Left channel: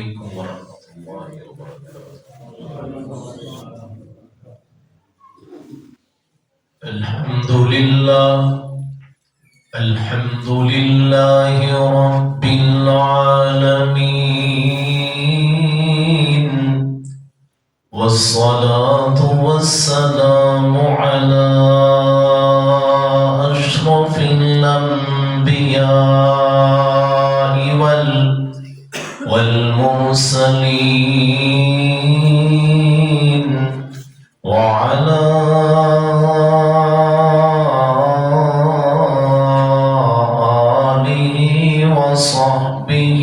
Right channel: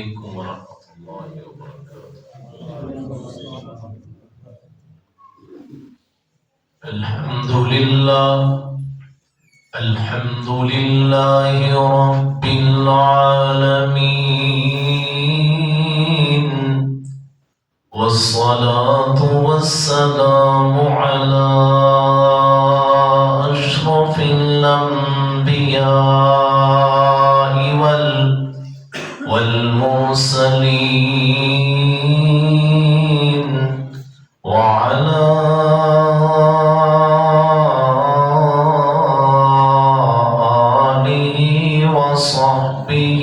عليكم ورحمة الله وبركاته. الحمد لله رب العالمين، والصلاة والسلام على أشرف الأنبياء والمرسلين، وعلى آله وصحبه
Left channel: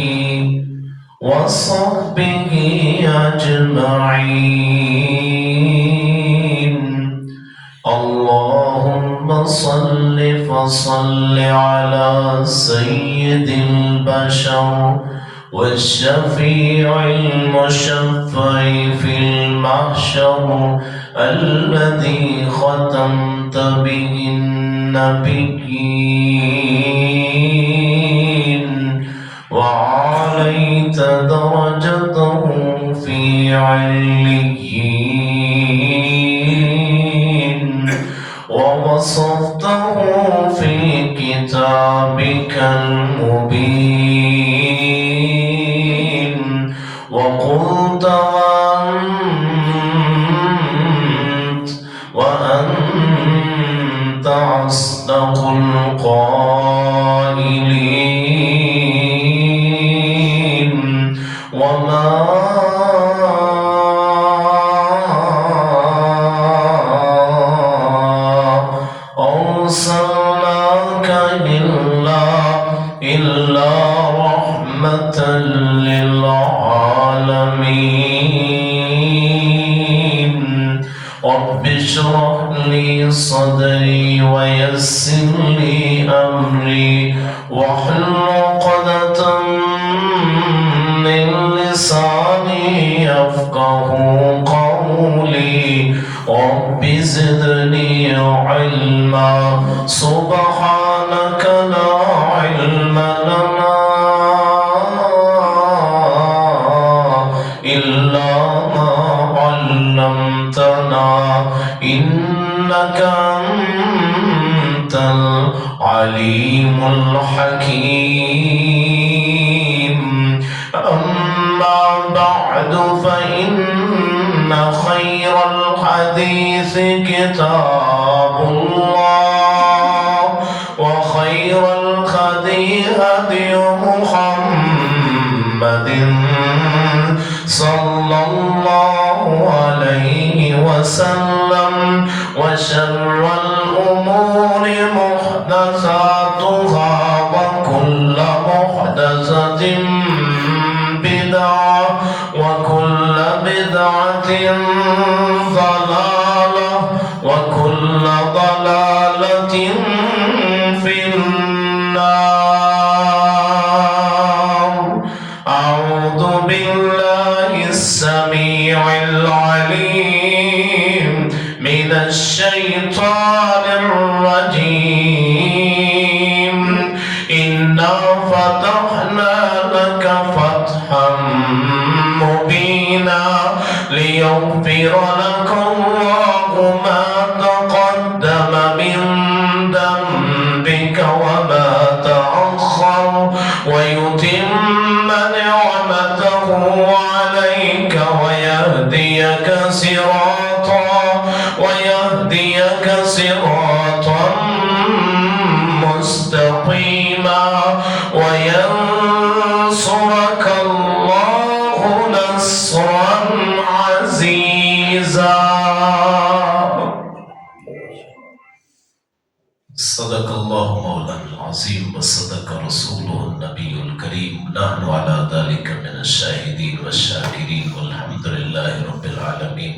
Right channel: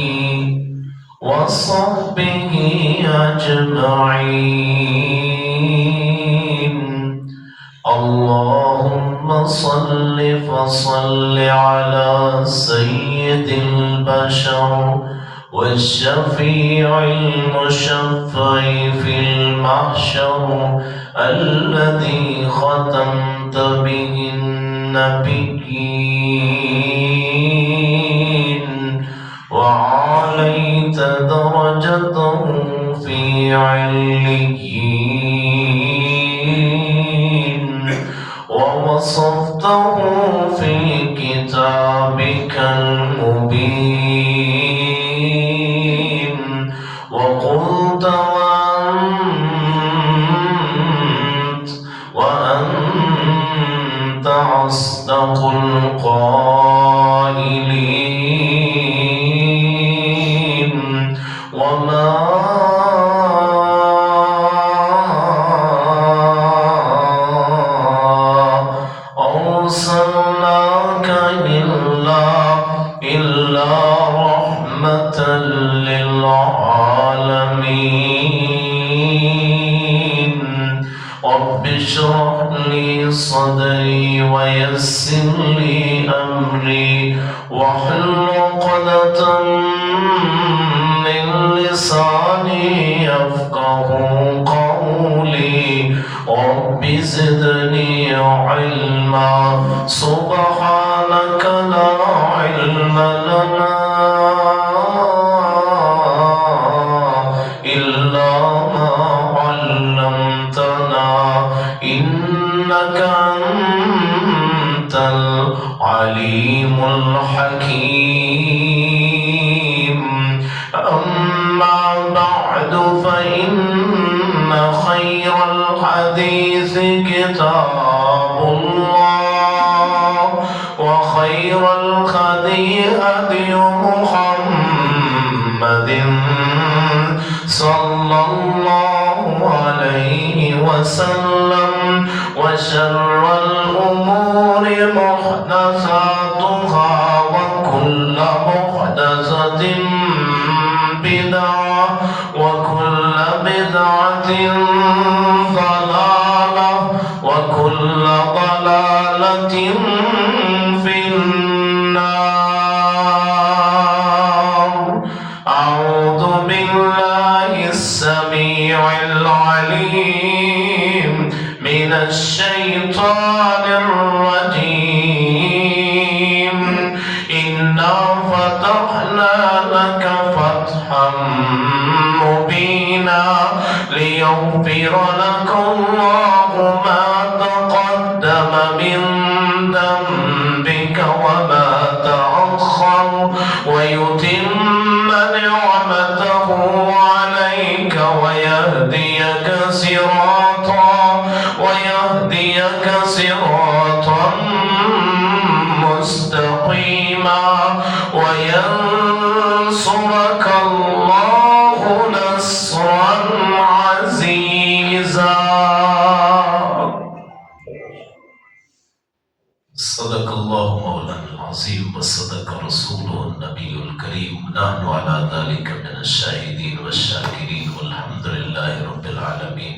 أجمعين. اللهم صل فصل على سيد البشر والشفيع المشفع في المحشر، الذي ختمت به النبيين وعليت درجته في عليين، ووصفته في كتابك المبين، وقلت وأنت أصدق القائلين. وما أرسلناك إلا رحمة للعالمين. رب اشرح لي صدري ويسر لي أمري واحلل عقدة من لساني يفقه قولي. رب زدني علما، سبحانك لا علم لنا إلا ما علمتنا، إنك أنت العليم الحكيم. أما بعد، فإن خير الحديث كتاب الله، وخير الهدي هدي محمد صلى الله عليه وسلم، وشر الأمور محدثاتها، وكل محدثة بدعة، وكل بدعة ضلالة، وكل ضلالة في النار. أعوذ بالله السميع العليم من الشيطان الرجيم. إنا فتحنا لك فتحا مبينا، ليغفر لك الله ما تقدم من ذنبك وما تأخر، ويتم نعمته عليك ويهديك صراطا مستقيما، وينصرك الله نصرا عزيزا. صدق الله مولانا العظيم، وصدق رسوله النبي الكريم. نحن على ذلك من الشاهدين والشاكرين، والحمد لله رب العالمين।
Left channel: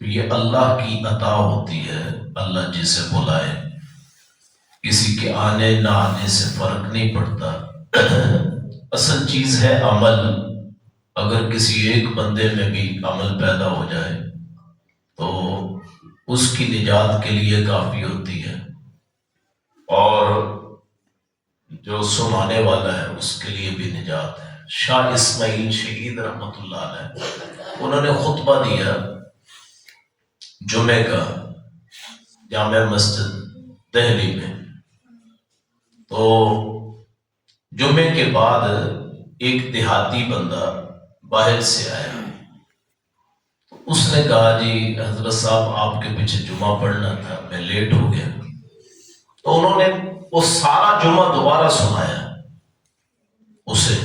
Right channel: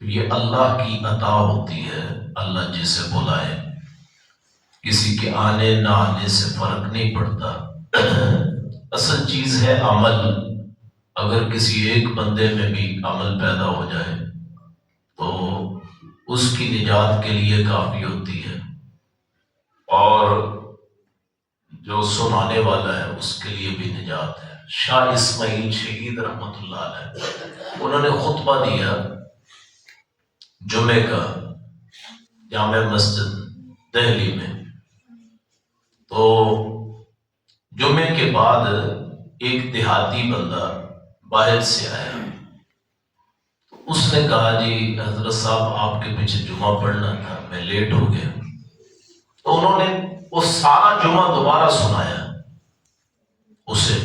یہ اللہ کی عطا ہوتی ہے، اللہ جسے بلائے، کسی کے آنے نہ آنے سے فرق نہیں پڑتا۔ اصل چیز ہے عمل۔ اگر کسی ایک بندے میں بھی عمل پیدا ہو جائے تو اس کی نجات کے لیے کافی ہوتی ہے، اور جو سنانے والا ہے اس کے لیے بھی نجات ہے۔ شاہ اسماعیل شہید رحمۃ اللہ علیہ، انہوں نے خطبہ دیا جمعے کا جامع مسجد دہلی میں، تو جمعے کے بعد ایک دیہاتی بندہ باہر سے آیا، اس نے کہا جی حضرت صاحب آپ کے پیچھے جمعہ پڑھنا تھا، میں لیٹ ہو گیا۔ تو انہوں نے وہ سارا جمعہ دوبارہ سنایا اسے۔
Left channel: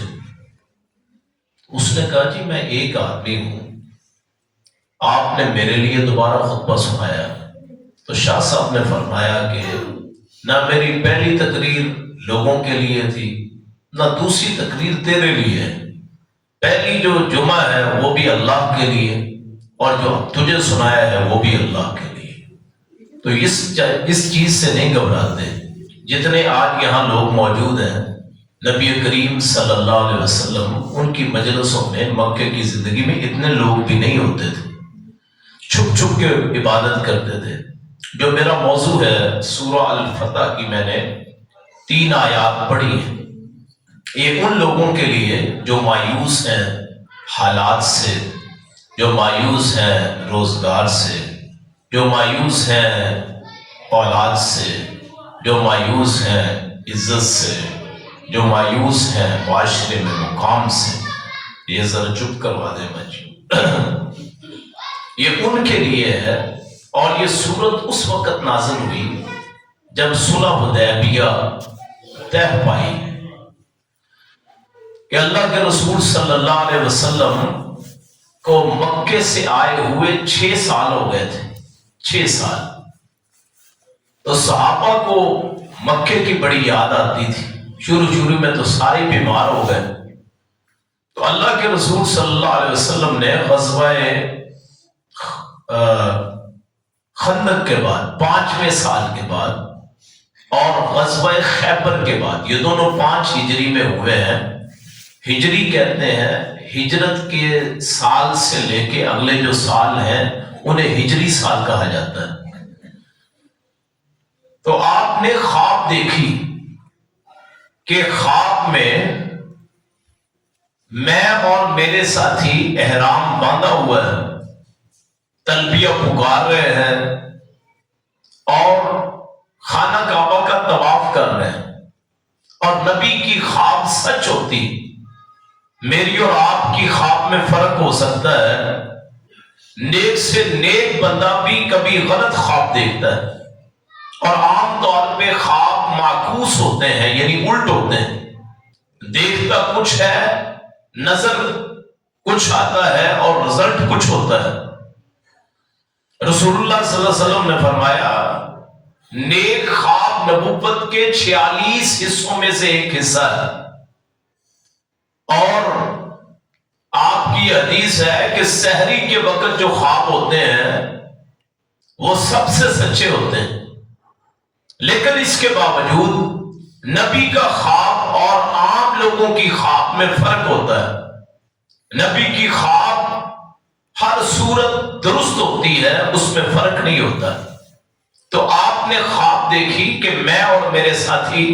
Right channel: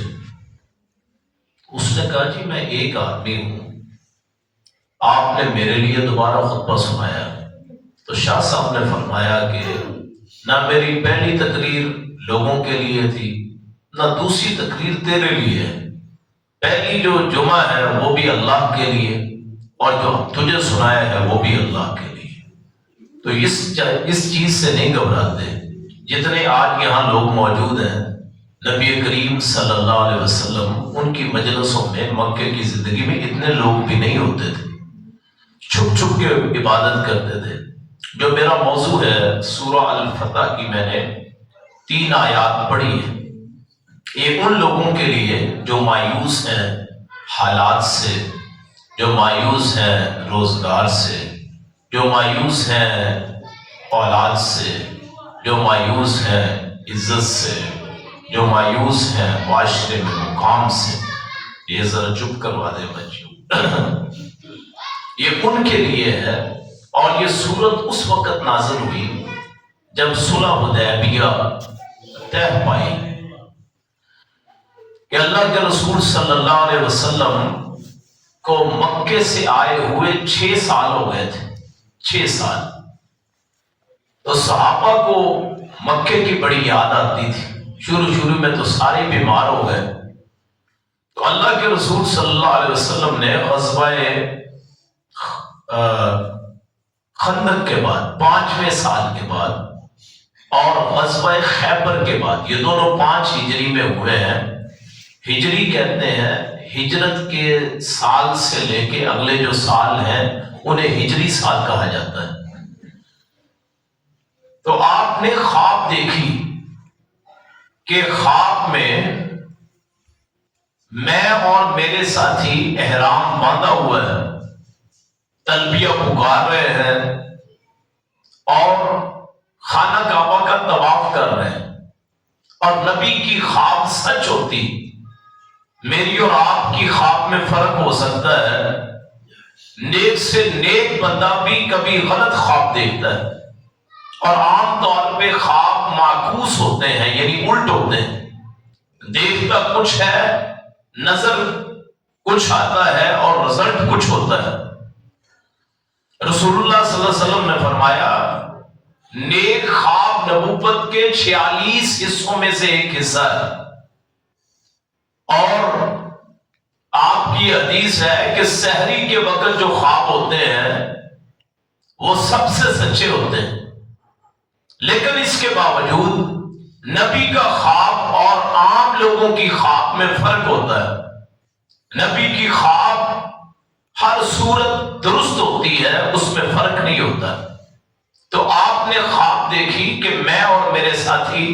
اس نے کہا جی میں ایک آدمی ہوں، آپ نے میرے لیے دوبارہ خطبہ سنایا۔ تو شاہ صاحب نے فرمایا کہ نہ میری پہلی تقریر لوگوں کے لیے تھی، نہ دوسری تقریر تیرے لیے ہے۔ پہلی جو جمعہ ہے وہ بھی اللہ کے لیے، اور جو تجھے سنایا ہے وہ بھی اللہ کے لیے۔ تو اس چیز سے نہیں گھبراتے۔ جتنے آج یہاں لوگ موجود ہیں، نبی کریم صلی اللہ علیہ وسلم ان کی مجلسوں میں مکے کی زندگی میں اتنے لوگ بھی نہیں ہوتے تھے، چھپ چھپ کے عبادت کرتے تھے۔ جو میرا موضوع ہے سورہ الفتح کی، میں نے 3 آیات پڑھی ہیں۔ یہ ان لوگوں کے لیے جو مایوس ہیں حالات سے، جو مایوس ہیں روزگار سے، جو مایوس ہیں اولاد سے، جو مایوس ہیں عزت سے، جو مایوس ہیں معاشرے میں مقام سے۔ یہ ذرا چپ کروا دے بچوں، یہ ان کے لیے ہے۔ اور یہ سورت اس وقت نازل ہوئی جب صلح حدیبیہ طے پائی کہ اللہ کے رسول صلی اللہ علیہ وسلم کو مکے سے آئے ہوئے 6 سال ہو گئے تھے، 6 سال۔ تو صحابہ کو مکے کی بڑی یاد آتی تھی، شروع میں تو سارے بیمار ہو گئے۔ تو اللہ کے رسول صلی اللہ علیہ وسلم نے غزوہ خندق کے بعد 5ویں سال کے بعد اور غزوہ خیبر کے بعد، یہ دونوں 5 ہجری میں ہوئے ہیں۔ ہجری کہتے ہیں ہجرت کے سال سے لے کے اگلے جو سال ہیں انہیں ہجری سال کہا جاتا ہے۔ تو آپ نے خواب دیکھی کہ خواب میں میں اور میرے ساتھی احرام باندھا ہوا ہے، تلبیہ پکار رہے ہیں اور خانہ کعبہ کا طواف کر رہے ہیں، اور نبی کی خواب سچ ہوتی۔ میری اور آپ کی خواب میں فرق ہو سکتا ہے، نیک سے نیک بندہ بھی کبھی غلط خواب دیکھتا ہے، اور عام طور پہ خواب معکوس ہوتے ہیں، یعنی الٹ ہوتے ہیں۔ دیکھتا کچھ ہے، نظر کچھ آتا ہے اور رزلٹ کچھ ہوتا ہے۔ رسول اللہ صلی اللہ علیہ وسلم نے فرمایا نیک خواب نبوت کے 46 حصوں میں سے ایک حصہ ہے، اور آپ کی حدیث ہے کہ سحری کے وقت جو خواب ہوتے ہیں وہ سب سے سچے ہوتے ہیں۔ لیکن اس کے باوجود نبی کا خواب اور عام لوگوں کی خواب میں فرق ہوتا ہے۔ نبی کی خواب ہر صورت درست ہوتی ہے، اس میں فرق نہیں ہوتا۔ تو آپ نے خواب دیکھی کہ میں اور میرے ساتھی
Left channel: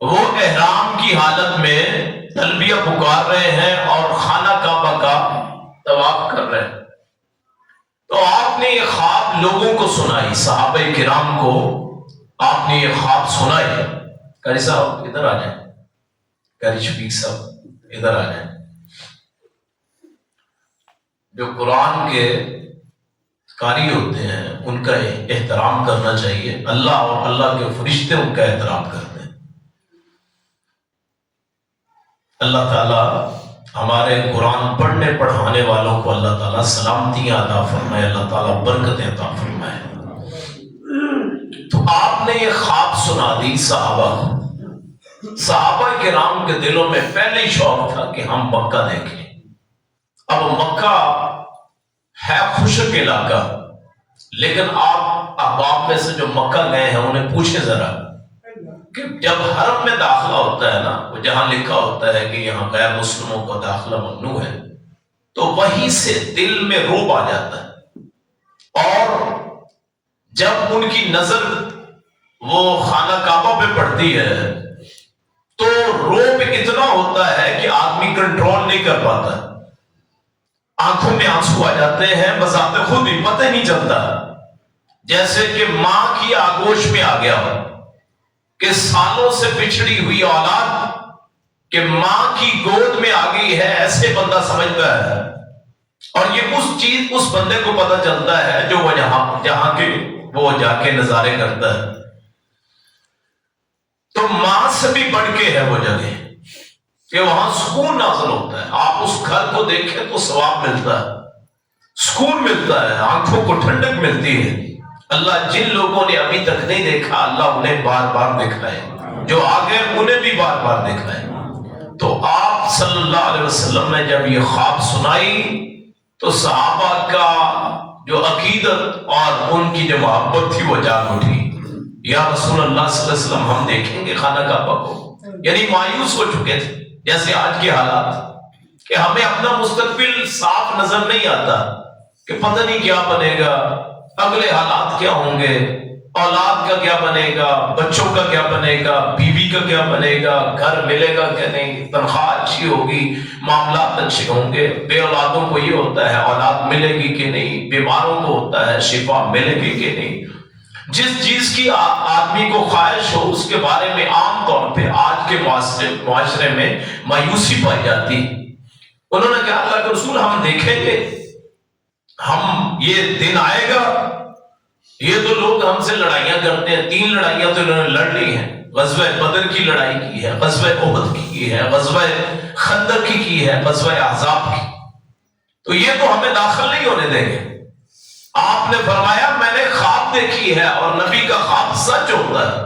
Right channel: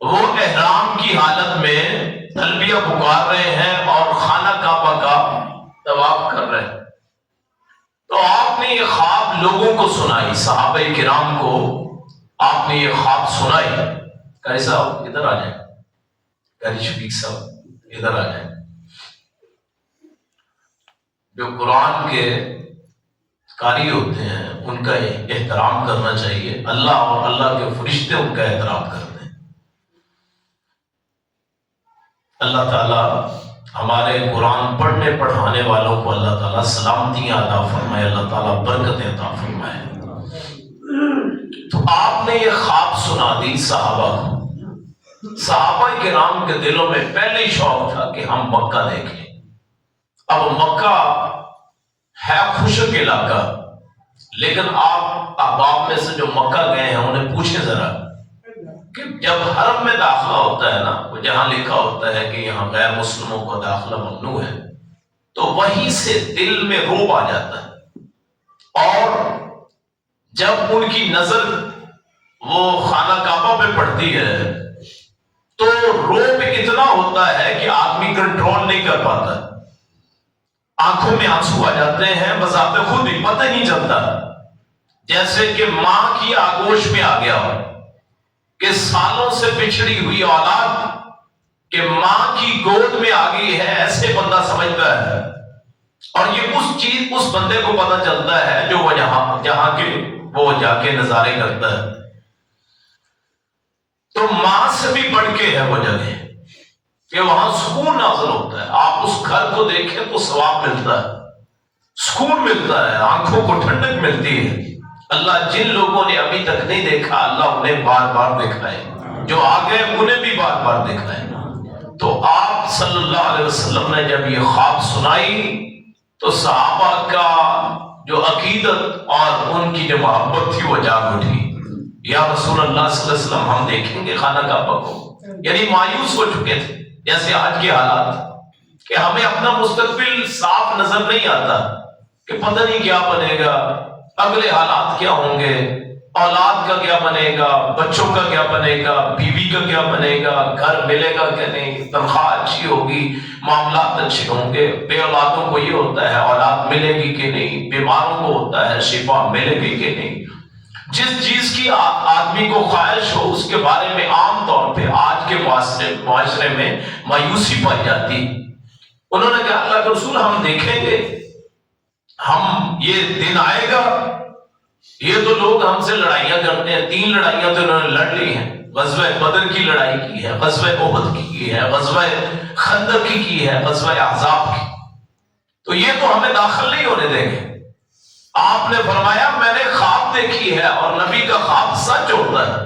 وہ احرام کی حالت میں تلبیہ پکار رہے ہیں اور خانہ کعبہ کا طواف کر رہے ہیں۔ تو آپ نے یہ خواب لوگوں کو سنائی، صحابہ کرام کو آپ نے یہ خواب سنائی۔ قاری صاحب ادھر آ جائیں، قاری شفیق صاحب ادھر آ جائیں۔ جو قرآن کے قاری ہوتے ہیں ان کا احترام کرنا چاہیے، اللہ اور اللہ کے فرشتے ان کا احترام کرتے ہیں۔ اللہ تعالیٰ ہمارے قرآن پڑھنے پڑھانے والوں کو اللہ تعالیٰ سلامتیاں عطا فرمائے، اللہ تعالیٰ برکتیں عطا فرمائے۔ تو آپ نے یہ خواب سنا دی صحابہ کو۔ صحابہ کرام کے دلوں میں پہلے ہی شوق تھا کہ ہم مکہ دیکھیں۔ اب مکہ ہے خشک علاقہ، لیکن آپ احباب میں سے جو مکہ گئے ہیں انہیں پوچھیں ذرا کہ جب حرم میں داخلہ ہوتا ہے نا، وہ جہاں لکھا ہوتا ہے کہ یہاں غیر مسلموں کو داخلہ ممنوع ہے، تو وہیں سے دل میں رعب آ جاتا ہے، اور جب ان کی نظر وہ خانہ کعبہ پہ پڑتی ہے تو رعب اتنا ہوتا ہے کہ آدمی کنٹرول نہیں کر پاتا، آنکھوں میں آنسو آ جاتے ہیں، بذات خود ہی پتہ نہیں چلتا، جیسے کہ ماں کی آغوش میں آ گیا ہو، کہ سالوں سے بچھڑی ہوئی اولاد کہ ماں کی گود میں آ گئی ہے، ایسے بندہ سمجھتا ہے، اور یہ اس بندے کو پتہ چلتا ہے جو وہ جہاں کے وہ جا کے نظارے کرتا ہے۔ تو ماں سے بھی بڑھ کے ہے وہ جگہ کہ وہاں سکون نازل ہوتا ہے، آپ اس گھر کو دیکھیں تو ثواب ملتا ہے، سکون ملتا ہے، آنکھوں کو ٹھنڈک ملتی ہے۔ اللہ جن لوگوں نے ابھی تک نہیں دیکھا اللہ انہیں بار بار دکھائے، جو آگے انہیں بھی بار بار دکھائے۔ تو آپ صلی اللہ علیہ وسلم نے جب یہ خواب سنائی تو صحابہ کا جو عقیدت اور ان کی جو محبت تھی وہ جاگ اٹھی، یا رسول اللہ صلی اللہ علیہ وسلم ہم دیکھیں گے خانہ کعبہ کو، یعنی مایوس ہو چکے تھے جیسے آج کے حالات، کہ ہمیں اپنا مستقبل صاف نظر نہیں آتا، کہ پتہ نہیں کیا بنے گا، اگلے حالات کیا ہوں گے، اولاد کا کیا بنے گا، بچوں کا کیا بنے گا، بیوی کا کیا بنے گا، گھر ملے گا کہ نہیں، تنخواہ اچھی ہوگی، معاملات اچھے ہوں گے۔ بے اولادوں کو یہ ہوتا ہے اولاد ملے گی کہ نہیں، بیماروں کو ہوتا ہے شفا ملے گی کہ نہیں۔ جس چیز کی آدمی کو خواہش ہو اس کے بارے میں عام طور پہ آج کے معاشرے میں مایوسی پائی جاتی۔ انہوں نے کہا اللہ کے رسول ہم دیکھیں گے، ہم یہ دن آئے گا، یہ تو لوگ ہم سے لڑائیاں کرتے ہیں، 3 لڑائیاں تو انہوں نے لڑ لی ہیں، غزوہ بدر کی لڑائی کی ہے، غزوہ احد کی ہے، غزوہ خندق کی ہے، غزوہ احزاب کی، تو یہ تو ہمیں داخل نہیں ہونے دیں گے۔ آپ نے فرمایا میں نے خواب دیکھی ہے، اور نبی کا خواب سچ ہوتا ہے،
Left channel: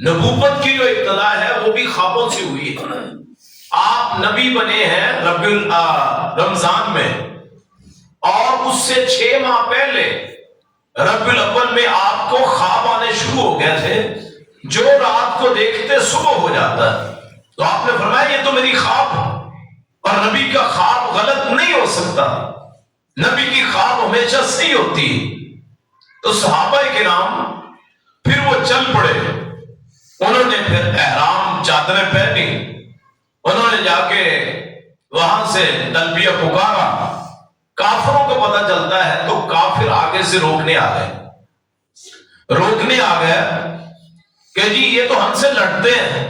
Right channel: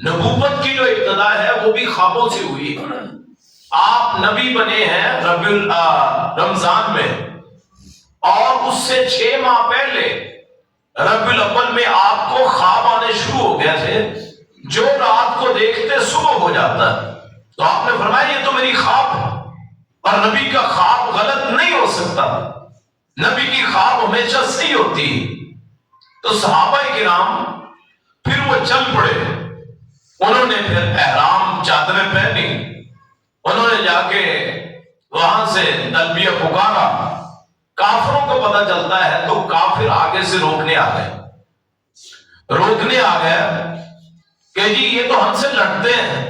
نبوت کی جو ابتدا ہے وہ بھی خوابوں سے ہوئی ہے۔ آپ نبی بنے ہیں رمضان میں، اور اس سے 6 ماہ پہلے ربیع الاول میں آپ کو خواب آنے شروع ہو گئے تھے، جو رات کو دیکھتے صبح ہو جاتا ہے۔ تو آپ نے فرمایا یہ تو میری خواب ہے، اور نبی کا خواب غلط نہیں ہو سکتا، نبی کی خواب ہمیشہ صحیح ہوتی ہے۔ تو صحابہ کرام پھر وہ چل پڑے، انہوں نے پھر احرام چادریں پہنی، انہوں نے جا کے وہاں سے تلبیہ پکارا، کافروں کو پتہ چلتا ہے تو کافر آگے سے روکنے آ گئے کہ جی یہ تو ہم سے لڑتے ہیں،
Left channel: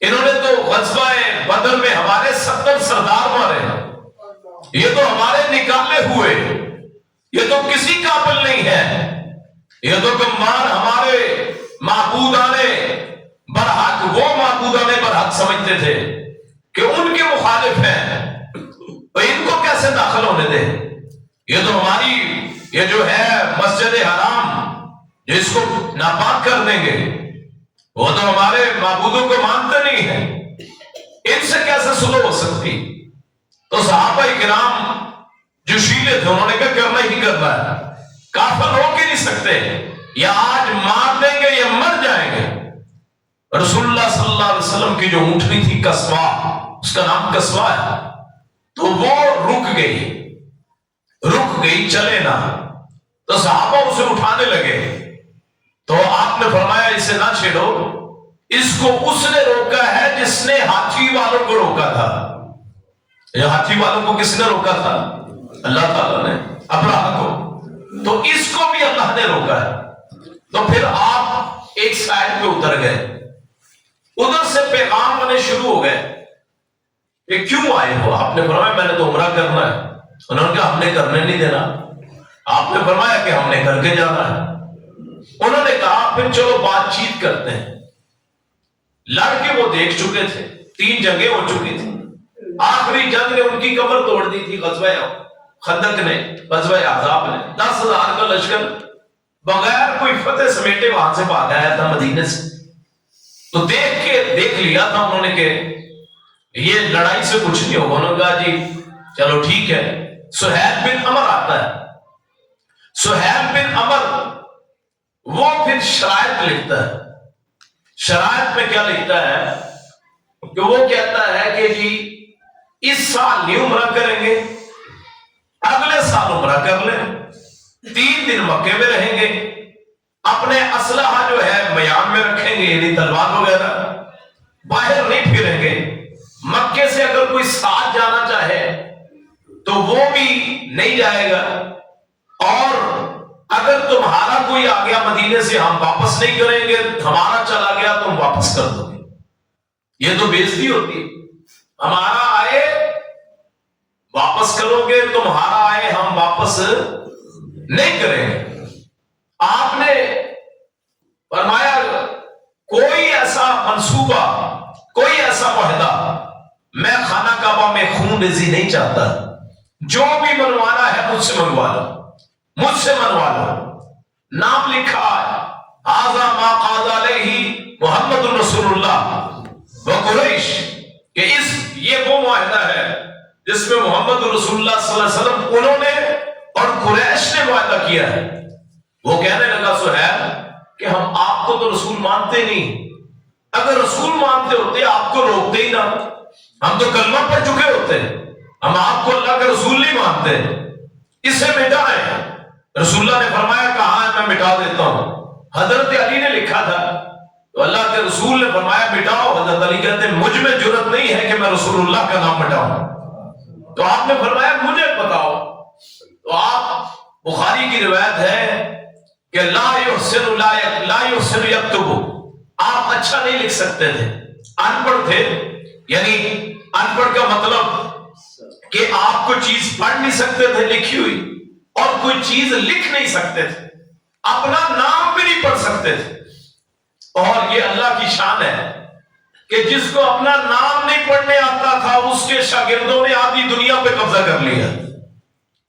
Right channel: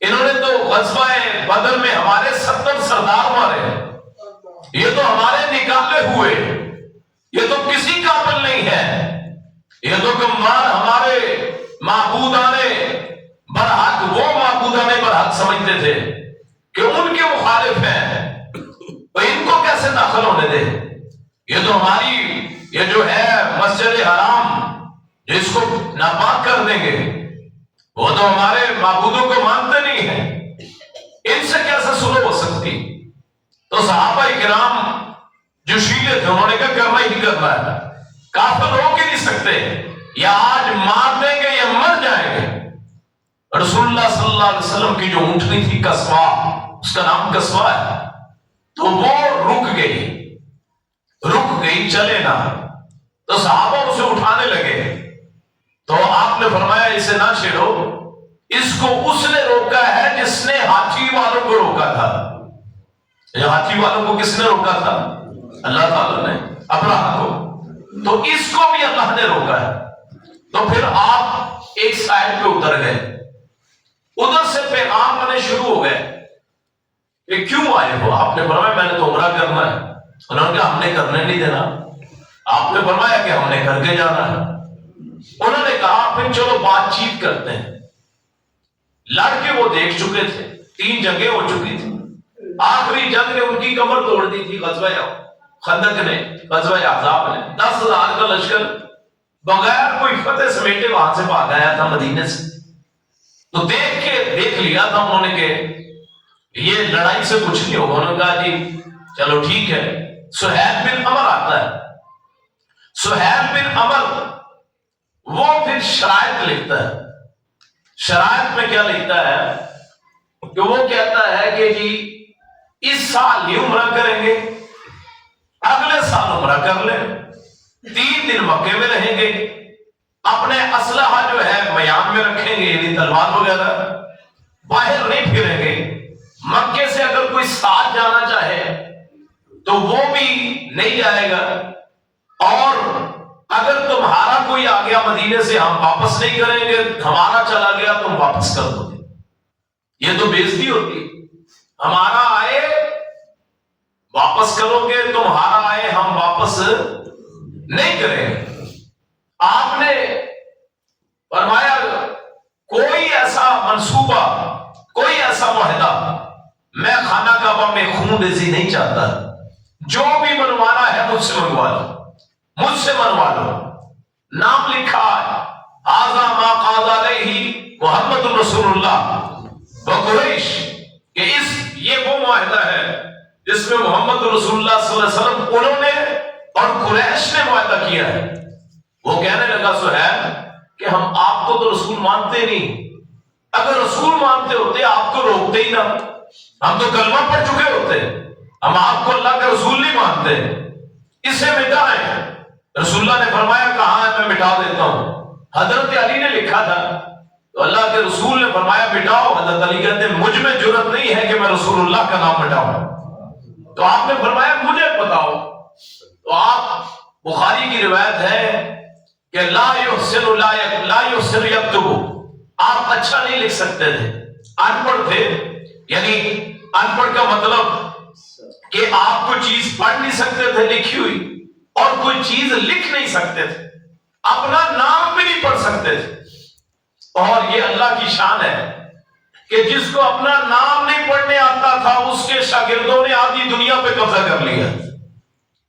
انہوں نے تو غزوہ بدر میں ہمارے 70 سردار مارے، یہ تو ہمارے نکالے ہوئے، یہ تو کسی قابل نہیں ہے، یہ تو گمار ہمارے معبودان برحق، وہ معبودان برحق سمجھتے تھے کہ ان کے مخالف ہیں، تو ان کو کیسے داخل ہونے دے، یہ تو ہماری یہ جو ہے مسجد حرام جس کو ناپاک کر دیں گے، وہ تو ہمارے معبودوں کو مانتے نہیں ہیں، ان سے کیسے صلح ہو سکتی۔ تو صحابہ کرام جو شیلے تھے انہوں نے کہا کرنا ہی کرنا ہے، کافر روک ہی نہیں سکتے، یا آج مار دیں گے یا مر جائیں گے۔ رسول اللہ صلی اللہ علیہ وسلم کی جو اونٹنی تھی قصوہ، اس کا نام قصوہ ہے، تو وہ رک گئی چلے نہ، تو صحابہ اسے اٹھانے لگے، تو آپ نے فرمایا اسے نہ چھیڑو، اس کو اس نے روکا ہے جس نے ہاتھی والوں کو روکا تھا۔ ہاتھی والوں کو کس نے روکا تھا؟ اللہ تعالیٰ نے، اپنا کو، تو اس کو بھی اللہ نے روکا ہے۔ تو پھر آپ ایک سائڈ پہ اتر گئے، ادھر سے پیغام آنے شروع ہو گئے، یہ کیوں آئے ہو؟ آپ نے فرمایا میں نے تو عمرہ کرنا ہے، انہوں نے کہا ہم نے کرنے نہیں دینا، آپ نے فرمایا کہ ہم نے کر کے جانا ہے، انہوں نے کہا پھر چلو بات چیت کرتے ہیں۔ لڑ کے وہ دیکھ چکے تھے، 3 جنگیں ہو چکی تھی، آخری جنگ نے ان کی کمر توڑ دی تھی، غزوہ خندق نے، غزوہ احزاب نے، 10,000 کا لشکر بغیر کوئی فتح سمیٹے وہاں سے بھاگ آیا تھا مدینے سے، تو دیکھ لیا تھا انہوں نے کہ یہ لڑائی سے کچھ نہیں ہوگا، انہوں نے کہا جی چلو ٹھیک ہے، سہیل بن عمر آتا ہے. سہیل بن عمر وہ پھر شرائط لکھتا ہے. شرائط میں کیا لکھتا ہے کہ وہ کہتا ہے کہ جی اس سال نہیں عمرہ کریں گے، اگلے سال عمرہ کر لیں، 3 دن مکے میں رہیں گے، اپنے اسلحہ جو ہے میان میں رکھیں گے، یعنی تلوار وغیرہ، باہر نہیں پھریں گے. مکے سے اگر کوئی ساتھ جانا چاہے تو وہ بھی نہیں جائے گا، اور اگر تمہارا کوئی آ گیا مدینے سے ہم واپس نہیں کریں گے، ہمارا چلا گیا تم واپس کر دو گے. یہ تو بے عزتی ہوتی ہے. ہمارا آئے واپس کرو گے، تمہارا آئے ہم واپس نہیں کریں گے. آپ نے فرمایا کوئی ایسا منصوبہ، کوئی ایسا معاہدہ، میں خانہ کعبہ میں خون ریزی نہیں چاہتا، جو بھی منوانا ہے مجھ سے منگوا لو، مجھ سے منوا لو. نام لکھا ھذا ما قاض علیہ محمد رسول اللہ و قریش، کہ یہ وہ معاہدہ ہے جس میں محمد رسول اللہ صلی اللہ علیہ وسلم انہوں نے اور قریش نے معاہدہ کیا ہے. وہ کہنے لگا سہیل کہ ہم آپ کو تو رسول مانتے نہیں، اگر رسول مانتے ہوتے آپ کو روکتے ہی نہ، ہم تو کلمہ پڑھ چکے ہوتے، ہم آپ کو اللہ کے رسول نہیں مانتے، اسے مٹائیں. رسول اللہ نے فرمایا کہاں ہے، میں مٹا دیتا ہوں. حضرت علی نے لکھا تھا تو اللہ کے رسول نے فرمایا مٹاؤ. حضرت علی کہتے ہیں مجھ میں جرأت نہیں ہے کہ میں رسول اللہ کا نام مٹاؤں. تو آپ نے فرمایا مجھے بتاؤ. تو آپ بخاری کی روایت ہے کہ لا یحسن یکتب، آپ اچھا نہیں لکھ سکتے تھے، ان پڑھ تھے. یعنی ان پڑھ کا مطلب کہ آپ کوئی چیز پڑھ نہیں سکتے تھے لکھی ہوئی، اور کوئی چیز لکھ نہیں سکتے تھے، اپنا نام بھی نہیں پڑھ سکتے تھے. اور یہ اللہ کی شان ہے کہ جس کو اپنا نام نہیں پڑھنے آتا تھا اس کے شاگردوں نے آدھی دنیا پہ قبضہ کر لیا.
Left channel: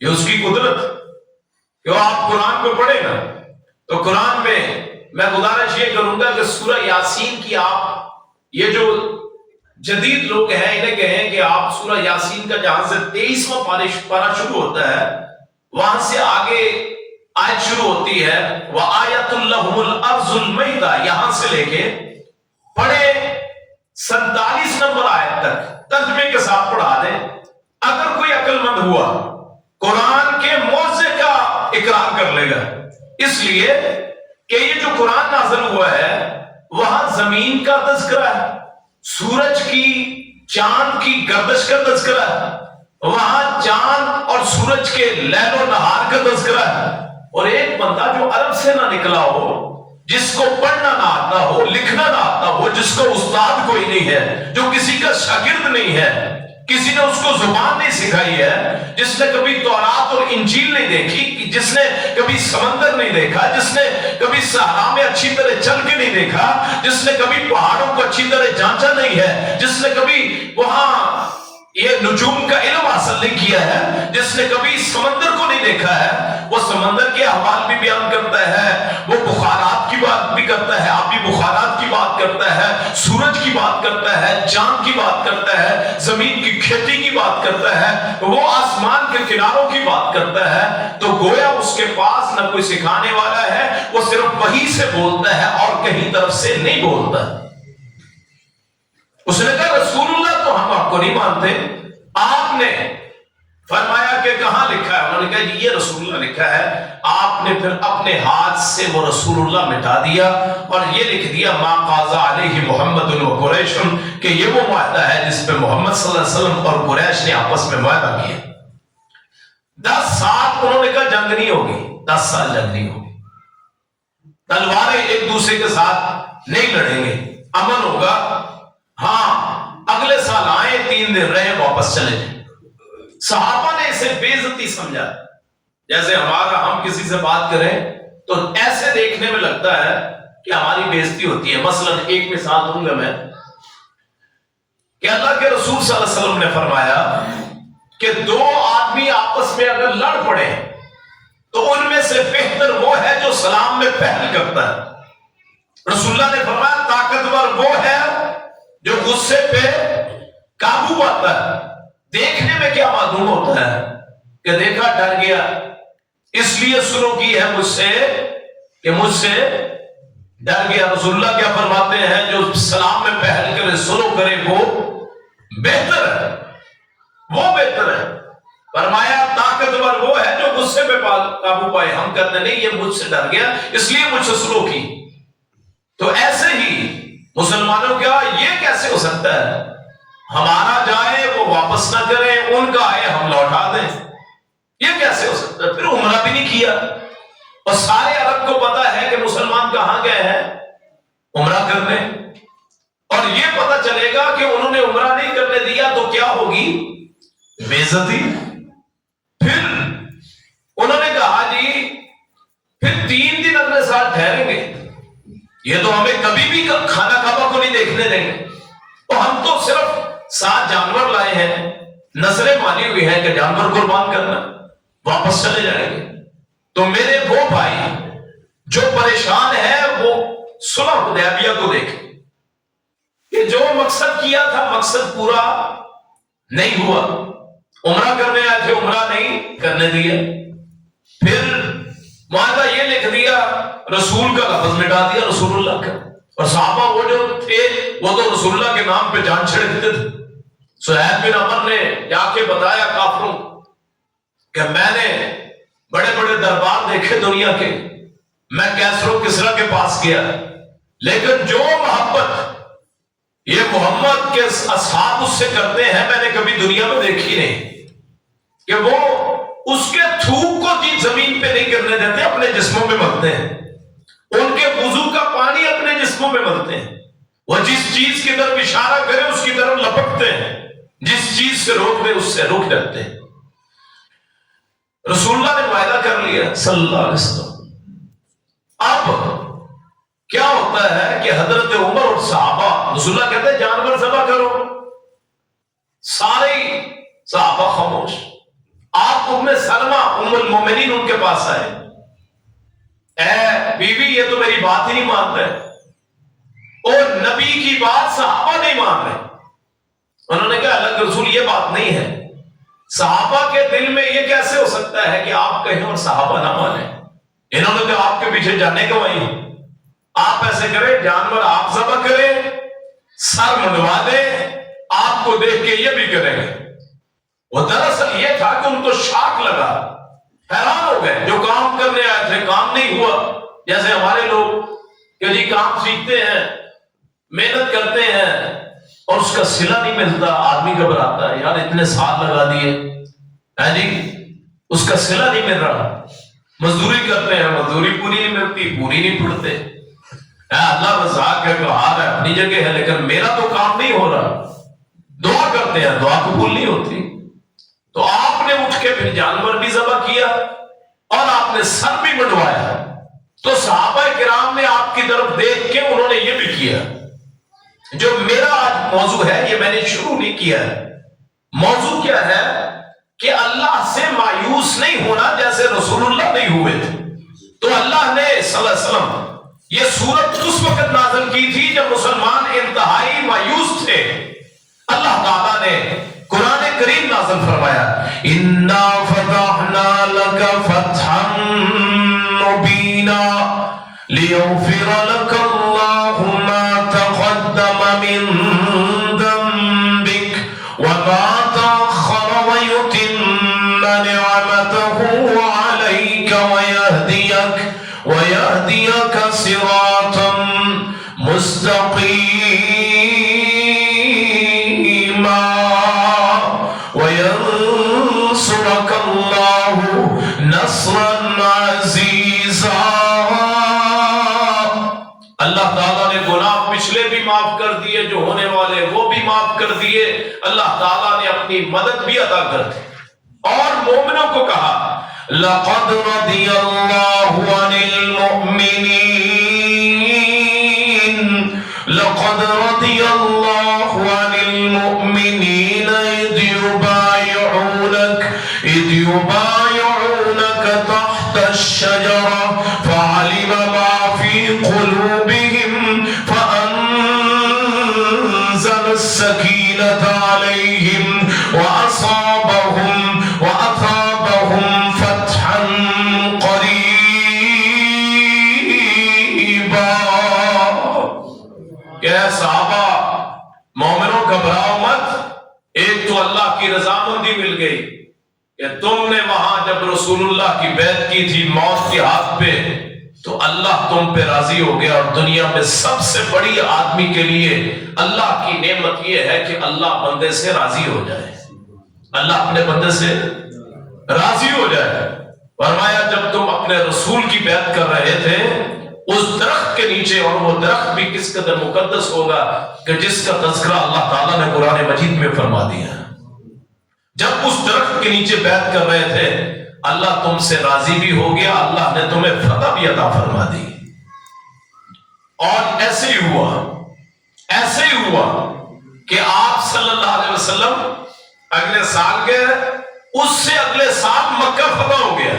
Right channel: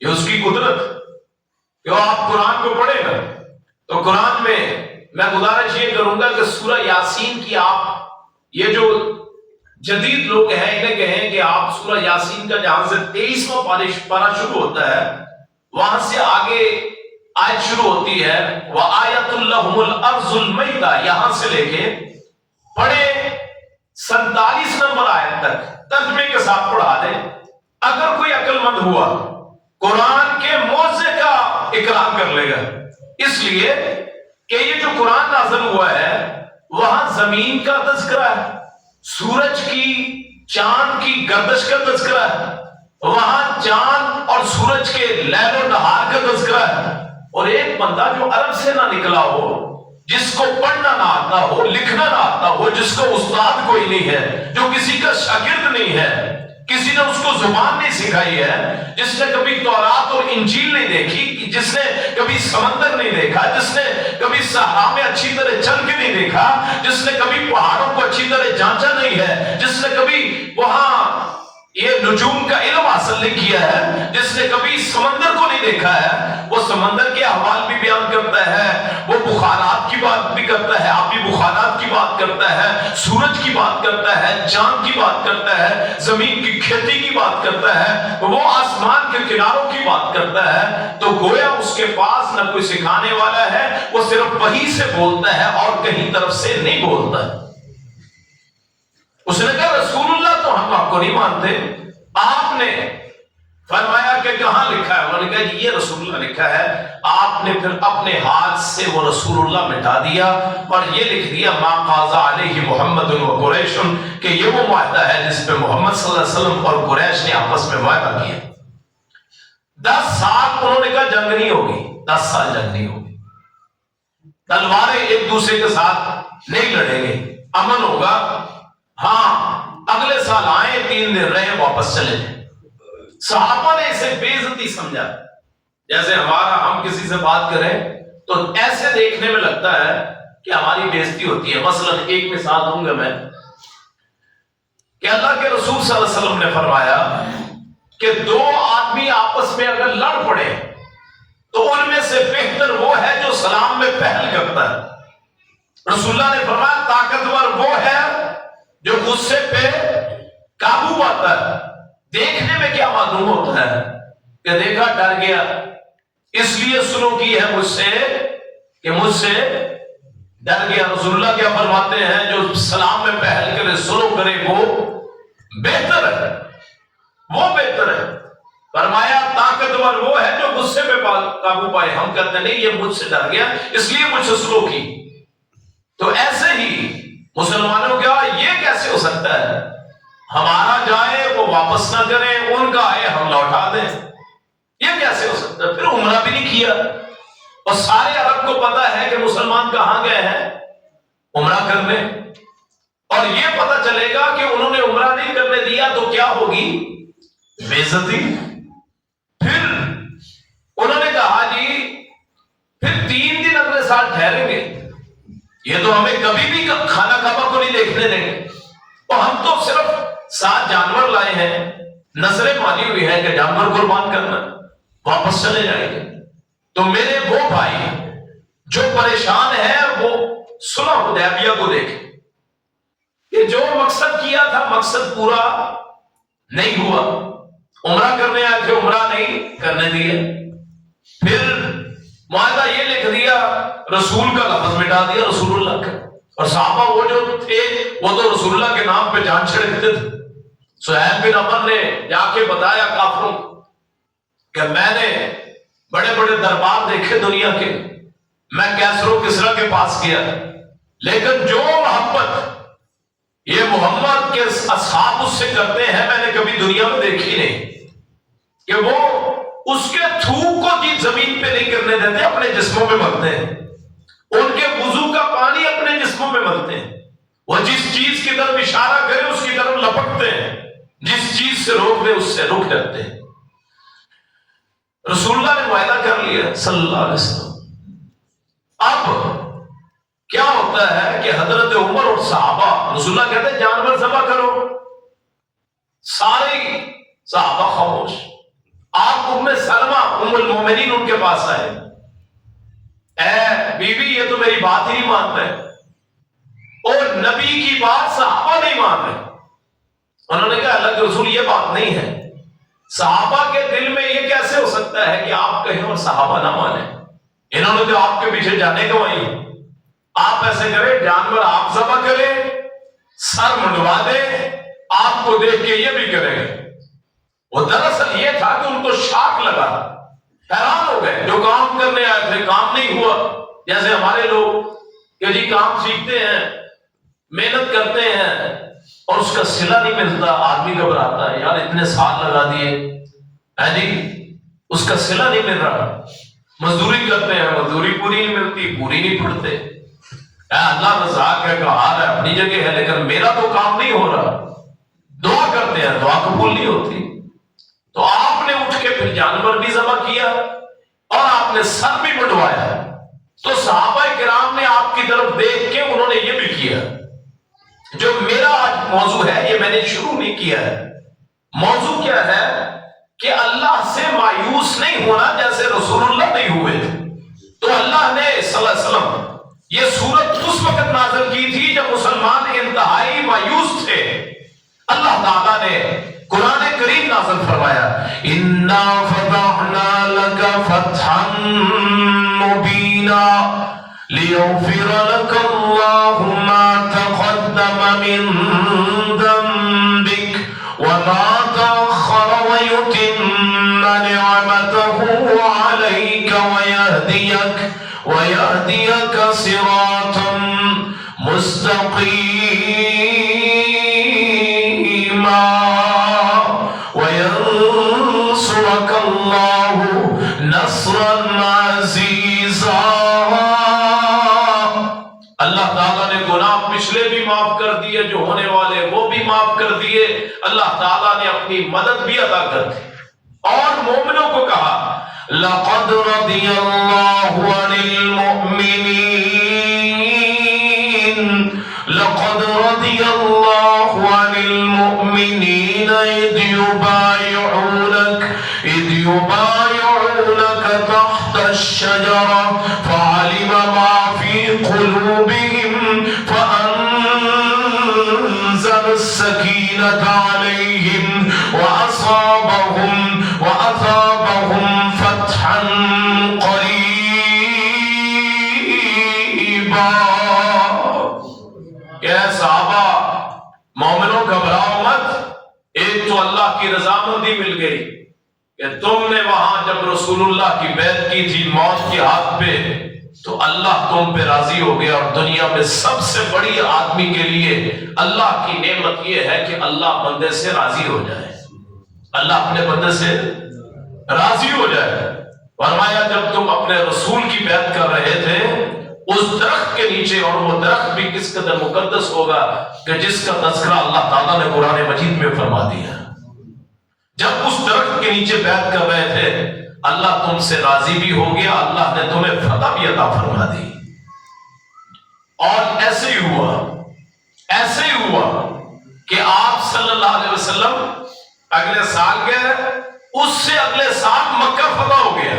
یہ اس کی قدرت. کہ آپ قرآن کو پڑھیں نا تو قرآن میں گزارش یہ کروں گا کہ سورہ یاسین کی آپ، یہ جو جدید لوگ ہیں انہیں کہیں کہ آپ سورہ یاسین کا جہاں سے 23واں پارہ شروع ہوتا ہے وہاں سے آگے آیت شروع ہوتی ہے وَآیَةٌ لَهُمُ الْأَرْضُ الْمَيْدَةُ، یہاں سے لے کے پڑھے 47 نمبر آیت تک ترجمے کے ساتھ پڑھا دیں. اگر کوئی عقل مند ہوا قرآن کے معجزے کا اقرار کر لے گا. اس لیے کہ یہ جو قرآن نازل ہوا ہے وہاں زمین کا تذکرہ ہے، سورج کی چاند کی گردش کا تذکرہ ہے، وہاں چاند اور سورج کے لیل و نہار کا تذکرہ ہے. اور ایک بندہ جو عرب سے نہ نکلا ہو، جس کو پڑھنا نہ آتا ہو، لکھنا نہ آتا ہو، جس کو استاد کوئی نہیں ہے، جو کسی کا شاگرد نہیں ہے، کسی نے اس کو زبان نہیں سکھائی ہے، جس نے کبھی تورات اور انجیل نہیں دیکھی، جس نے کبھی سمندر نہیں دیکھا، جس نے کبھی صحرا میں اچھی طرح چل کے نہیں دیکھا، جس نے کبھی پہاڑوں کو اچھی طرح جانچا نہیں ہے، جس نے کبھی وہاں یہ نجوم کا علم حاصل نہیں کیا ہے، جس نے کبھی سمندر کو نہیں دیکھا ہے، وہ سمندر کے احوال بھی بیان کرتا ہے، وہ بخارات کی بات بھی کرتا ہے، آبی بخارات کی بات کرتا ہے، سورج کی بات کرتا ہے، چاند کی بات کرتا ہے، زمین کی کھیتی کی بات کرتا ہے، وہ آسمان کے کناروں کی بات کرتا ہے. تو گویا اس کے پاس نہ کوئی سکھانے والا ہے، وہ صرف وحی سے بولتا ہے اور کہیں طرف سے نہیں بولتا. اس نے کہا رسول اللہ تو ہم آپ کو نہیں مانتے. آپ نے فرمایا کہ کہاں لکھا ہے؟ انہوں نے کہا جی یہ رسول اللہ لکھا ہے. آپ نے پھر اپنے ہاتھ سے وہ رسول اللہ مٹا دیا اور یہ لکھ دیا ما قاض علیہ محمد و قریش، کہ یہ وہ معاہدہ ہے جس پہ محمد صلی اللہ علیہ وسلم اور قریش نے آپس میں معاہدہ کیا. 10 سال انہوں نے کہا جنگ نہیں ہوگی، 10 سال جنگ نہیں ہوگی، تلواریں ایک دوسرے کے ساتھ نہیں لڑیں گے، امن ہوگا. ہاں اگلے سال آئے 3 دن رہے واپس چلے جائیں. صحابہ نے اسے بے عزتی سمجھا. جیسے ہم کسی سے بات کریں تو ایسے دیکھنے میں لگتا ہے کہ ہماری بے عزتی ہوتی ہے. مثلا ایک مثال دوں گا میں کہ اللہ کے رسول صلی اللہ علیہ وسلم نے فرمایا کہ 2 آدمی آپس میں اگر لڑ پڑے تو ان میں سے بہتر وہ ہے جو سلام میں پہل کرتا ہے. رسول اللہ نے فرمایا طاقتور وہ ہے جو غصے پہ قابو پاتا ہے. دیکھنے میں کیا معلوم ہوتا ہے کہ دیکھا ڈر گیا، اس لیے سلو کی ہے مجھ سے کہ مجھ سے ڈر گیا۔ رسول اللہ کیا فرماتے ہیں؟ جو سلام میں پہل کرے سلو کرے وہ بہتر ہے، وہ بہتر ہے۔ فرمایا طاقتور وہ ہے جو غصے پہ قابو پائے۔ ہم کہتے نہیں یہ مجھ سے ڈر گیا اس لیے مجھ سے سلو کی۔ تو ایسے ہی مسلمانوں کا یہ کیسے ہو سکتا ہے؟ ہمارا جائے وہ واپس نہ کریں، ان کا آئے ہم لوٹا دیں، یہ کیسے ہو سکتا ہے؟ پھر عمرہ بھی نہیں کیا، اور سارے عرب کو پتا ہے کہ مسلمان کہاں گئے ہیں عمرہ کرنے، اور یہ پتا چلے گا کہ انہوں نے عمرہ نہیں کرنے دیا تو کیا ہوگی؟ بے عزتی۔ پھر انہوں نے کہا جی پھر 3 دن اگلے سال ٹھہریں گے، یہ تو ہمیں کبھی بھی کھانا کعبہ کو نہیں دیکھنے دیں گے، اور ہم تو صرف 7 جانور لائے ہیں، نظریں مانی ہوئی ہیں کہ جانور قربان کرنا، واپس چلے جائیں گے۔ تو میرے وہ بھائی جو پریشان ہیں وہ صلح حدیبیہ کو دیکھیں کہ جو مقصد کیا تھا مقصد پورا نہیں ہوا، عمرہ کرنے آئے تھے عمرہ نہیں کرنے دیا، پھر معاہدہ یہ لکھ دیا، رسول کا لفظ مٹا دیا رسول اللہ کا، اور صحابہ وہ جو تھے وہ تو رسول اللہ کے نام پہ جان چھڑکتے تھے۔ سہیل بن عمر نے جا کے بتایا کافروں کہ میں نے بڑے بڑے دربار دیکھے دنیا کے، میں کیسر و کسریٰ کے پاس گیا، لیکن جو محبت یہ محمد کے اصحاب اس سے کرتے ہیں میں نے کبھی دنیا میں دیکھی نہیں، کہ وہ اس کے تھوک کو جی زمین پہ نہیں کرنے دیتے، اپنے جسموں میں ملتے ہیں، ان کے وضو کا پانی اپنے جسموں میں ملتے ہیں، وہ جس چیز کی طرف اشارہ کرے اس کی طرف لپکتے ہیں، جس چیز سے روک دے اس سے رک جاتے ہیں۔ رسول اللہ نے معاہدہ کر لیا صلی اللہ علیہ وسلم۔ اب کیا ہوتا ہے کہ حضرت عمر اور صحابہ، رسول اللہ کہتے ہیں جانور ذبح کرو، سارے صحابہ خاموش۔ آپ ام سلمہ ام المومنین ان کے پاس آئے، اے بیوی یہ تو میری بات ہی نہیں مان رہے، اور نبی کی بات صحابہ نہیں مان رہے۔ انہوں نے کہا اللہ کے رسول یہ بات نہیں ہے، صحابہ کے دل میں یہ کیسے ہو سکتا ہے کہ آپ کہیں اور صحابہ نہ مانیں؟ انہوں نے جو آپ کے پیچھے جانے کو وہی، آپ ایسے کریں جانور آپ ذبح کریں، سر منڈوا دیں، آپ کو دیکھ کے یہ بھی کریں گے۔ وہ دراصل یہ تھا کہ ان کو شاک لگا، حیران ہو گئے، جو کام کرنے آئے تھے کام نہیں ہوا، جیسے ہمارے لوگ کہ جی کام سیکھتے ہیں محنت کرتے ہیں اور اس کا صلہ نہیں ملتا، آدمی گھبراتا ہے، یار اتنے سال لگا دیے جی اس کا صلہ نہیں مل رہا، مزدوری کرتے ہیں مزدوری پوری نہیں ملتی، پوری نہیں پڑتے، اللہ رزاق ہے قہار ہے اپنی جگہ ہے، لیکن میرا تو کام نہیں ہو رہا، دعا کرتے ہیں دعا قبول نہیں ہوتی۔ تو آپ نے اٹھ کے پھر جانور بھی ذبح کیا اور آپ نے سر بھی منڈوایا۔ تو صحابہ کرام نے آپ کی طرف دیکھ کے انہوں نے یہ بھی کیا۔ جو میرا آج موضوع ہے یہ میں نے شروع نہیں کیا ہے، موضوع کیا ہے کہ اللہ سے مایوس نہیں ہونا جیسے رسول اللہ نہیں ہوئے تھے۔ تو اللہ نے صلی اللہ علیہ وسلم یہ سورت اس وقت نازل کی تھی جب مسلمان انتہائی مایوس تھے۔ اللہ تعالیٰ نے قرآن کریم نازل فرمایا، اِنَّا فَتَحْنَا لَكَ فَتْحًا مُبِينًا لِيَغْفِرَ لَكَ اللَّهُ مَا تَقَدَّمَ مِن ذَنبِكَ وَمَا تَأَخَّرَ وَيُتِمَّ نِعْمَتَهُ عَلَيْكَ وَيَهْدِيَكَ صِرَاطًا مُسْتَقِيمًا وَيَنصُرَكَ اللَّهُ نَصْرًا عَزِيزًا۔ اللہ تعالیٰ نے گناہ پچھلے بھی معاف کر دیے، جو ہونے والے وہ بھی معاف کر دیے، اللہ تعالیٰ نے اپنی مدد بھی عطا کر دی، اور مومنوں کو کہا لَقَدْ رَضِيَ اللَّهُ عَنِ الْمُؤْمِنِينَ لَقَدْ رَضِيَ اللَّهُ عَنِ الْمُؤْمِنِينَ إِذْ يُبَايِعُونَكَ تَحْتَ الشَّجَرَةِ فَعَلِمَ مَا فِي قُلُوبِهِمْ فَأَنزَلَ السَّكِينَةَ عَلَيْهِمْ وَأَصَابَهُمْ رقیبا، کہ اے صحابہ مومنوں گھبراؤ مت، ایک تو اللہ کی رضامندی مل گئی کہ تم نے وہاں جب رسول اللہ کی بیعت کی تھی موت کے ہاتھ پہ تو اللہ تم پہ راضی ہو گیا، اور دنیا میں سب سے بڑی آدمی کے لیے اللہ کی نعمت یہ ہے کہ اللہ بندے سے راضی ہو جائے، اللہ اپنے بندے سے راضی ہو جائے۔ فرمایا جب تم اپنے رسول کی بیعت کر رہے تھے اس درخت کے نیچے، اور وہ درخت بھی کس قدر مقدس ہوگا کہ جس کا تذکرہ اللہ تعالیٰ نے قرآن مجید میں فرما دیا، جب اس درخت کے نیچے بیعت کر رہے تھے اللہ تم سے راضی بھی ہو گیا، اللہ نے تمہیں فتح بھی عطا فرما دی۔ اور ایسے ہی ہوا کہ آپ صلی اللہ علیہ وسلم اگلے سال گئے، اس سے اگلے سال مکہ فتح ہو گیا،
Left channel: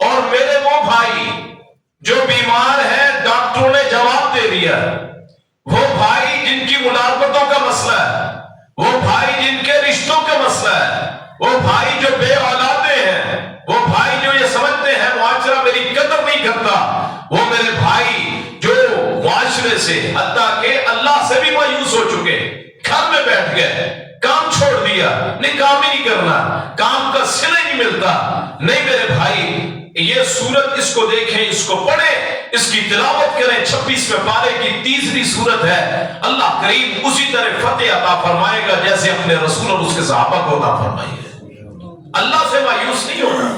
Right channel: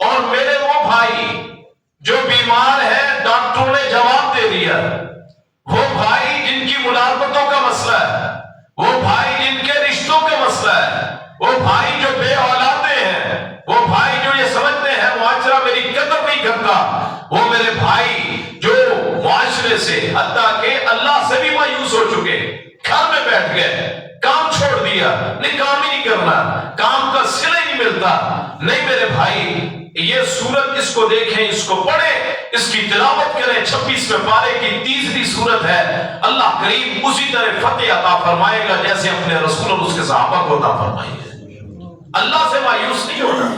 اور میرے وہ بھائی جو بیمار ہے ڈاکٹروں نے جواب دے دیا، وہ بھائی جن کی ملازمتوں کا مسئلہ ہے، وہ بھائی جن کے رشتوں کا مسئلہ ہے، وہ بھائی جو بے اولادے ہیں، وہ بھائی جو یہ سمجھتے ہیں معاشرہ میری قدر نہیں کرتا، وہ میرے بھائی جو معاشرے سے حتیٰ کہ اللہ سے بھی مایوس ہو چکے، گھر میں بیٹھ گئے، کام چھوڑ دیا، نہیں کام ہی نہیں کرنا، کام کا صلہ نہیں ملتا، نہیں میرے بھائی یہ سورت اس کو دیکھیں، اس کو پڑھیں، اس کی تلاوت کریں، 26ویں پارے کی تیسری سورت ہے، اللہ کریم اسی طرح فتح عطا فرمائے گا جیسے اپنے رسول اور اس کے صحابہ کو عطا فرمائی ہے۔ اللہ سے مایوس نہیں ہونا،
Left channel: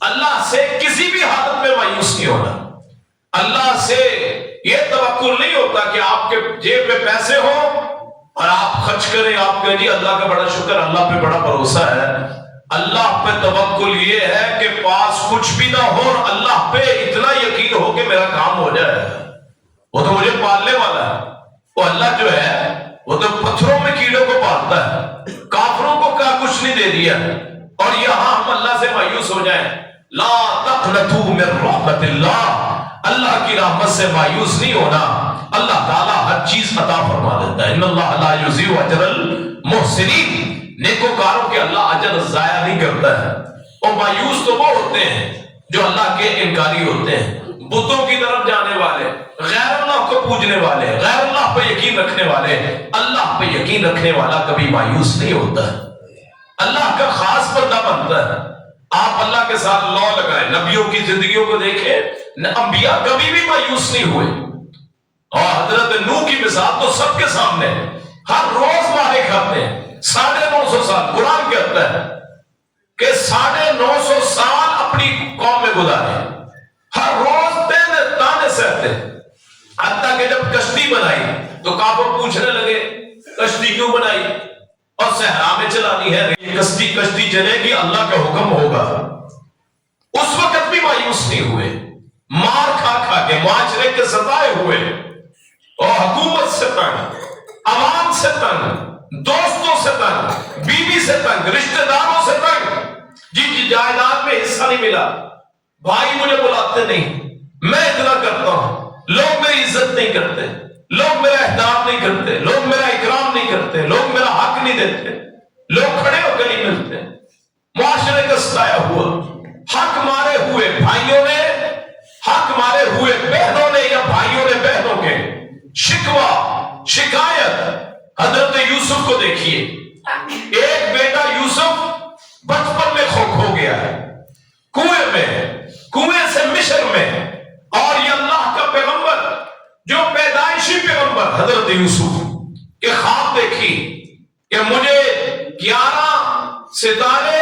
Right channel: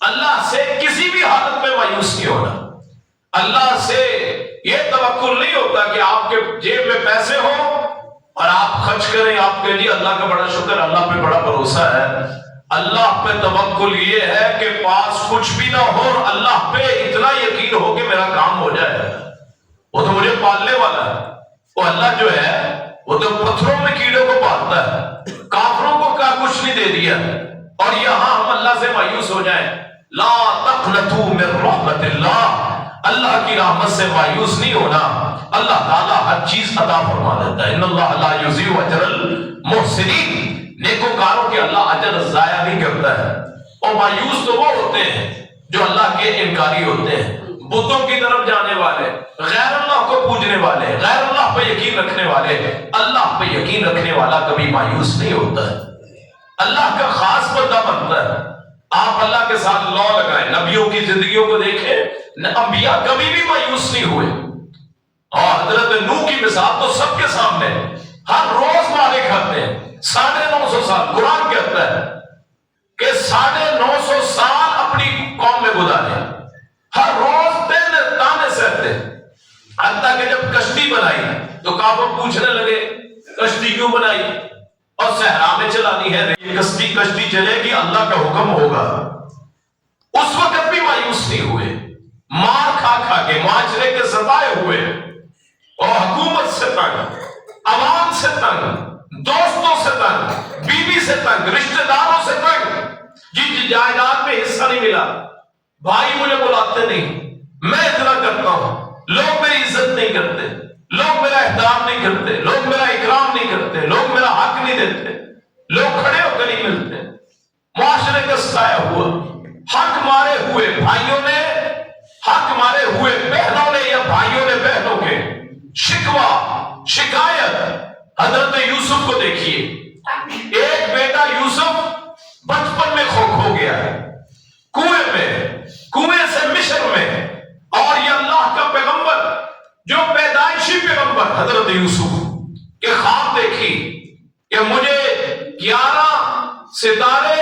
اللہ سے کسی بھی حالت میں مایوس نہیں ہونا، اللہ سے یہ توقع نہیں ہوتا کہ آپ کے جیب میں پیسے ہوں اور آپ خرچ کریں، آپ کے لیے اللہ کا بڑا شکر، اللہ پہ بڑا بھروسہ ہے، اللہ پہ توکل یہ ہے کہ پاس کچھ بھی نہ ہو، اللہ پہ اتنا یقین ہو کہ میرا کام ہو جائے، وہ تو مجھے پالنے والا ہے، وہ اللہ جو ہے وہ تو پتھروں میں کیڑوں کو پالتا ہے، کافروں کو کیا کچھ نہیں دے دیا، اور یہاں ہم اللہ سے مایوس ہو جائیں، لا تقنطوا من رحمت اللہ، اللہ کی رحمت سے مایوس نہیں ہونا، اللہ تعالیٰ ہر چیز عطا فرما دیتا ہے، ان اللہ لا یضیع اجر المحسنین، نیکوکاروں کے اللہ اجر ضائع نہیں کرتا ہے۔ اور مایوس تو وہ ہوتے ہیں جو اللہ کے انکاری ہوتے ہیں، بتوں کی طرف جانے والے، غیر اللہ کو پوجنے والے، غیر اللہ پہ یقین رکھنے والے۔ اللہ پہ یقین رکھنے والا کبھی مایوس نہیں ہوتا ہے، اللہ کا خاص بندہ بنتا ہے۔ آپ اللہ کے ساتھ لا لگائیں، نبیوں کی زندگیوں کو دیکھیں، انبیاء کبھی بھی مایوس نہیں ہوئے، اور حضرت نوح کی مثال تو سب کے سامنے، ہر روز مارے کھاتے ہیں، 950 سال، قرآن کہتا ہے کہ 950 سال اپنی قوم میں گزارے، ہر روز تانے سہتے، حتیٰ کہ جب کشتی بنائی تو کافر پوچھنے لگے کشتی کیوں بنائی، اور صحرا میں چلانی ہے، کشتی چلے گی، اللہ کا حکم ہوگا۔ اس وقت بھی مایوس نہیں ہوئے، مار کھا کھا کے، معاشرے کے ستائے ہوئے، اور حکومت سے تنگ، عوام سے تنگ، دوستوں سے تنگ، بیوی سے تنگ، رشتہ داروں سے تنگ، جن جائیداد میں حصہ نہیں ملا، بھائی مجھے بلاتے نہیں، میں اتنا کرتا ہوں، لوگ میری عزت نہیں کرتے، لوگ میرا احترام نہیں کرتے، لوگ میرا اکرام نہیں کرتے، لوگ میرا حق نہیں دیتے، لوگ کھڑے ہو کے نہیں ملتے، معاشرے کا ستایا ہوا، حق مارے ہوئے بھائیوں نے، حق مارے ہوئے بہنوں نے، یا بھائیوں نے بہنوں کے شکوہ شکایت۔ حضرت یوسف کو دیکھیے، ایک بیٹا یوسف بچپن میں کھو گیا ہے، کنویں سے مصر میں، اور یہ اللہ کا پیغمبر جو پیدائشی پیغمبر حضرت یوسف کے خواب دیکھی کہ مجھے 11 ستارے،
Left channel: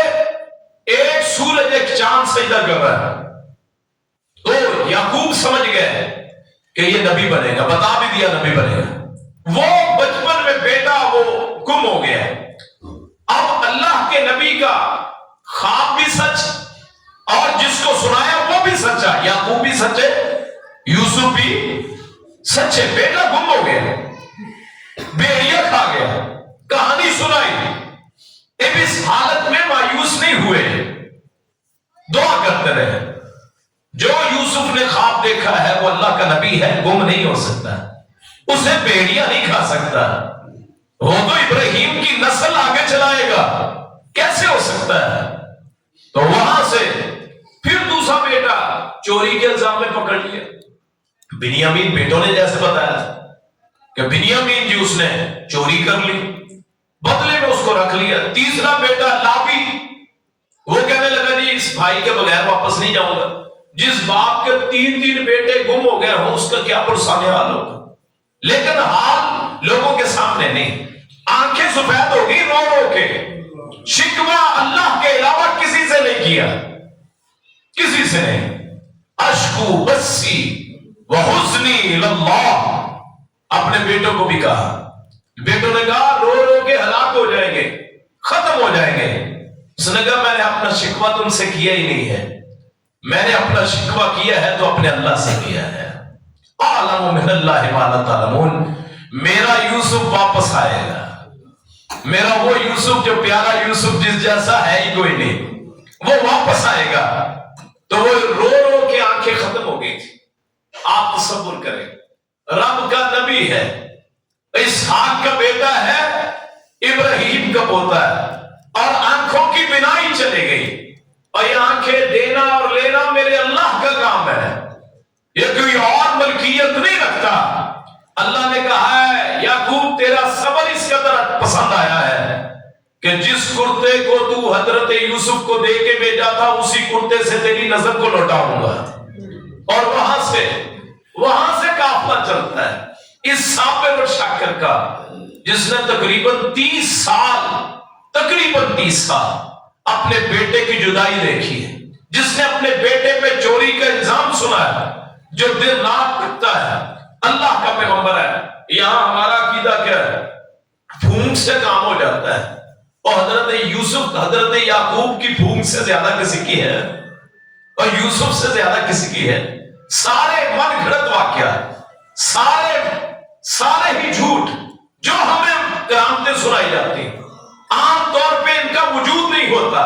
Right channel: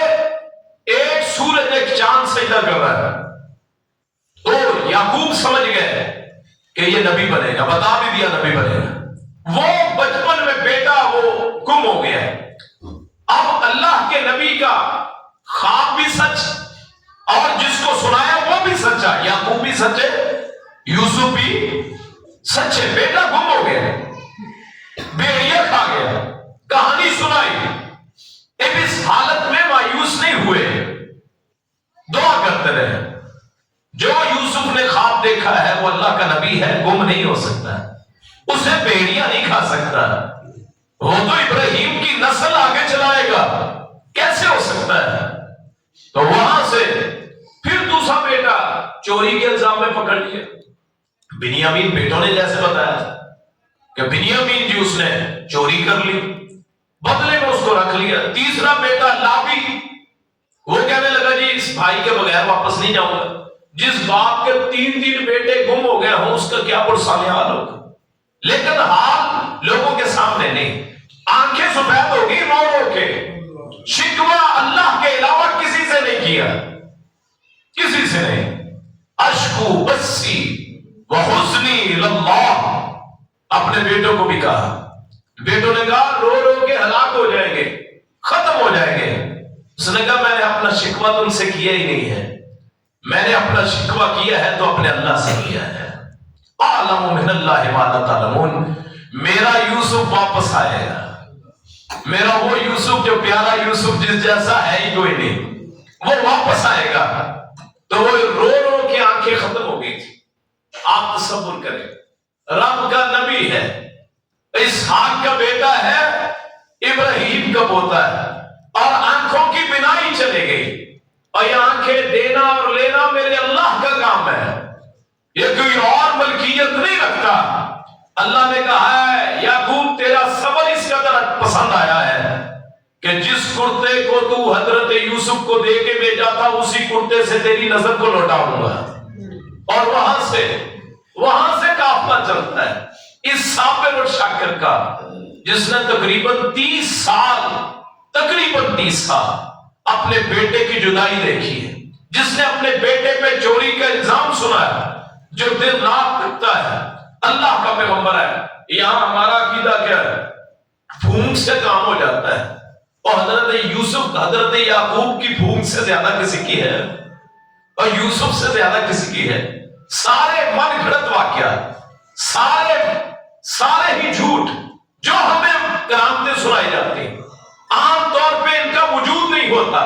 ایک سورج، ایک چاند سجدہ کر رہا ہے، تو یعقوب سمجھ گئے کہ یہ نبی بنے گا، بتا بھی دیا نبی بنے گا۔ وہ بچپن میں بیٹا وہ گم ہو گیا، اب اللہ کے نبی کا خواب بھی سچ، اور جس کو سنایا وہ بھی سچا، یعقوب بھی سچے، یوسف بھی سچے، بیٹا گم ہو گیا، بھیڑیا کھا گیا، کہانی سنائی، اب اس حالت میں مایوس نہیں ہوئے، دعا کرتے رہے۔ جو یوسف نے خواب دیکھا ہے وہ اللہ کا نبی ہے، گم نہیں ہو سکتا، اسے بھیڑیا نہیں کھا سکتا، وہ تو ابراہیم کی نسل آگے چلائے گا، کیسے ہو سکتا ہے؟ تو وہاں سے پھر دوسرا بیٹا چوری کے الزام میں پکڑ لیا، بنیامین بیٹوں نے جیسے بتایا کہ بنیامین جی اس نے چوری کر لی، بدلے میں اس کو رکھ لیا۔ تیسرا بیٹا لابی، وہ کہنے لگا جی اس بھائی کے بغیر واپس نہیں جاؤں گا۔ جس باپ کے تین بیٹے گم ہو گئے ہوں اس کا کیا پرسان حال ہوگا، لیکن حال لوگوں کے سامنے نہیں۔ آنکھیں سفید ہوگی رو رو کے، شکوہ اللہ کے علاوہ کسی سے نہیں کیا، کسی سے نہیں۔ اشکو بسی وحزنی اللہ، اپنے بیٹوں کو بھی کہا، بیٹوں نے کہا رو رو کے ہلاک ہو جائیں گے، ختم ہو جائیں گے۔ اس نے کہا میں نے اپنا شکوہ تم سے کیا ہی نہیں ہے، میں نے اپنا شکوہ کیا ہے تو اپنے اللہ سے کیا ہے۔ اعلم من اللہ ما لا تعلمون، میرا یوسف واپس آئے گا، میرا وہ یوسف جو پیارا یوسف جس جیسا ہے ہی کوئی نہیں، وہ واپس آئے گا۔ تو وہ رو رو کے آنکھیں ختم ہو گئی تھی۔ آپ تصور کریں، رب کا نبی ہے، اسحاق کا بیٹا ہے، ابراہیم کا پوتا ہے، اور آنکھوں کی بینائی چلے گئی۔ اور یہ آنکھیں دینا اور لینا میرے اللہ کا کام ہے، یہ کوئی اور ملکیت نہیں رکھتا۔ اللہ نے کہا ہے یعقوب تیرا صبر اس قدر پسند آیا ہے کہ جس کرتے کو تو حضرت یوسف کو دے کے بھیجا تھا اسی کرتے سے تیری نظر کو لوٹاؤں گا۔ اور وہاں سے قافلہ چلتا ہے اس صابر اور شاکر کا، جس نے تقریباً 30 سال اپنے بیٹے کی جدائی دیکھی ہے، جس نے اپنے بیٹے پہ چوری کا الزام سنا ہے، جو دن رات لگتا ہے، اللہ کا پیغمبر ہے۔ یہاں ہمارا عقیدہ کیا ہے؟ پھونک سے کام ہو جاتا ہے، اور حضرت یوسف حضرت یعقوب کی پھونک سے زیادہ کسی کی ہے، اور یوسف سے زیادہ کسی کی ہے۔ سارے من گھڑت واقعات، سارے ہی جھوٹ جو ہمیں کرامتیں سنائی جاتی ہیں، عام طور پہ ان کا وجود نہیں ہوتا،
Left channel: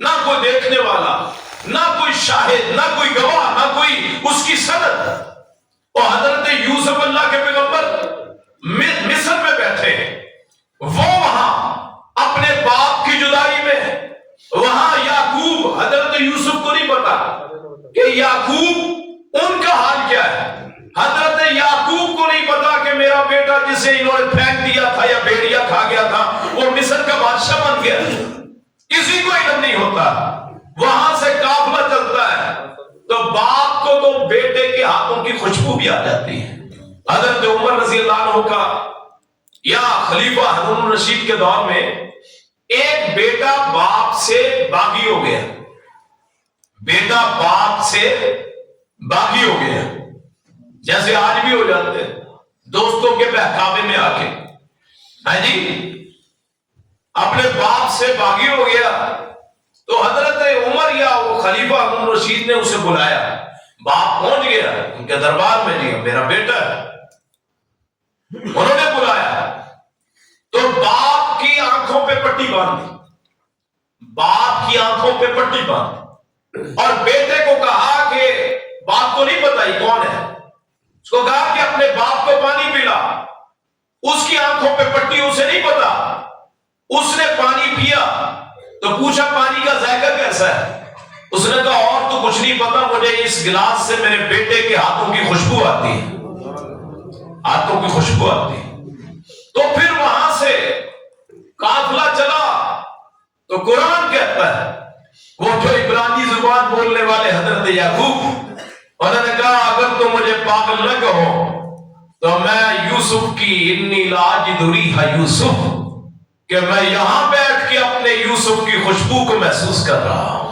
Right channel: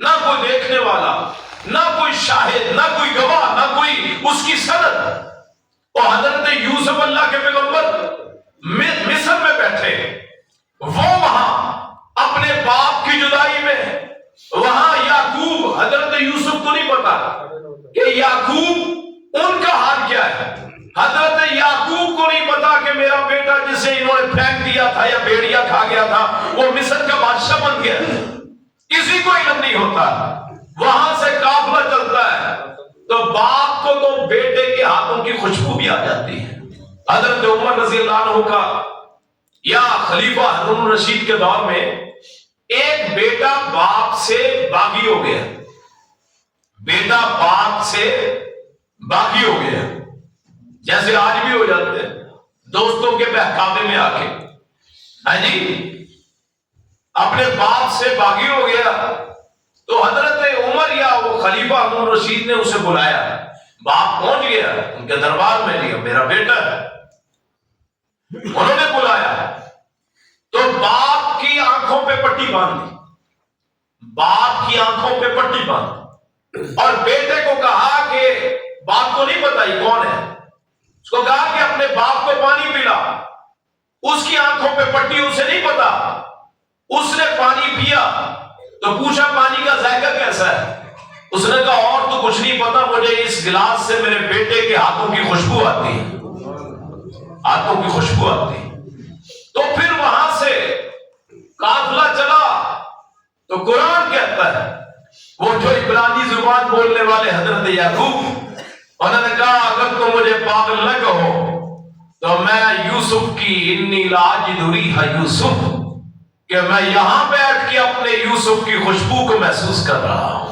نہ کوئی دیکھنے والا، نہ کوئی شاہد، نہ کوئی گواہ، نہ کوئی اس کی سند۔ اور حضرت یوسف اللہ کے پیغمبر مصر میں بیٹھے، وہ وہاں اپنے باپ کی جدائی میں، وہاں یعقوب حضرت یوسف کو نہیں پتا کہ یعقوب ان کا حال کیا ہے، حضرت یعقوب کو نہیں پتا کہ میرا بیٹا جسے انہوں نے پھینک دیا تھا یا بھیڑیا کھا گیا تھا وہ مصر کا بادشاہ بن گیا، کسی کو علم نہیں ہوتا۔ وہاں سے قافلہ چلتا ہے تو باپ کو تو بیٹے کے ہاتھوں کی خوشبو بھی آ جاتی ہے۔ حضرت عمر رضی اللہ عنہ کا یا خلیفہ ہارون الرشید کے دور میں ایک بیٹا باپ سے باغی ہو گیا، بیٹا باپ سے باغی ہو گیا، جیسے آج بھی ہو جاتے ہیں دوستوں کے بہکاوے میں آ کے، ہاں جی اپنے باپ سے باغی ہو گیا۔ تو حضرت عمر یا وہ خلیفہ ہارون الرشید نے اسے بلایا، باپ پہنچ گیا ان کے دربار میں، لیا میرا بیٹا ہے، انہوں نے بلایا تو باپ کی آنکھوں پہ پٹی باندھ دی، باپ کی آنکھوں پہ پٹی باندھ، اور بیٹے کو کہا کہ باپ کو نہیں پتا یہ کون ہے، اس کو کہا کہ اپنے باپ کو پانی پلا، اس کی آنکھوں پہ پٹی، اسے نہیں پتا، اس نے پانی پیا تو پوچھا پانی کا ذائقہ کیسا ہے، اس نے کہا اور تو کچھ نہیں پتا، مجھے اس گلاس سے میرے بیٹے کے ہاتھوں کی خوشبو آتی ہے، ہاتھوں کی خوشبو آتی ہے۔ تو پھر وہاں سے قافلہ چلا تو قرآن کہتا ہے وہ جو عبرانی زبان بولنے والے حضرت یعقوب، انہوں نے کہا اگر تم مجھے پاگل نہ کہو تو میں یوسف کی انی لاجد ریح یوسف، کہ میں یہاں بیٹھ کے اپنے یوسف کی خوشبو کو محسوس کر رہا ہوں۔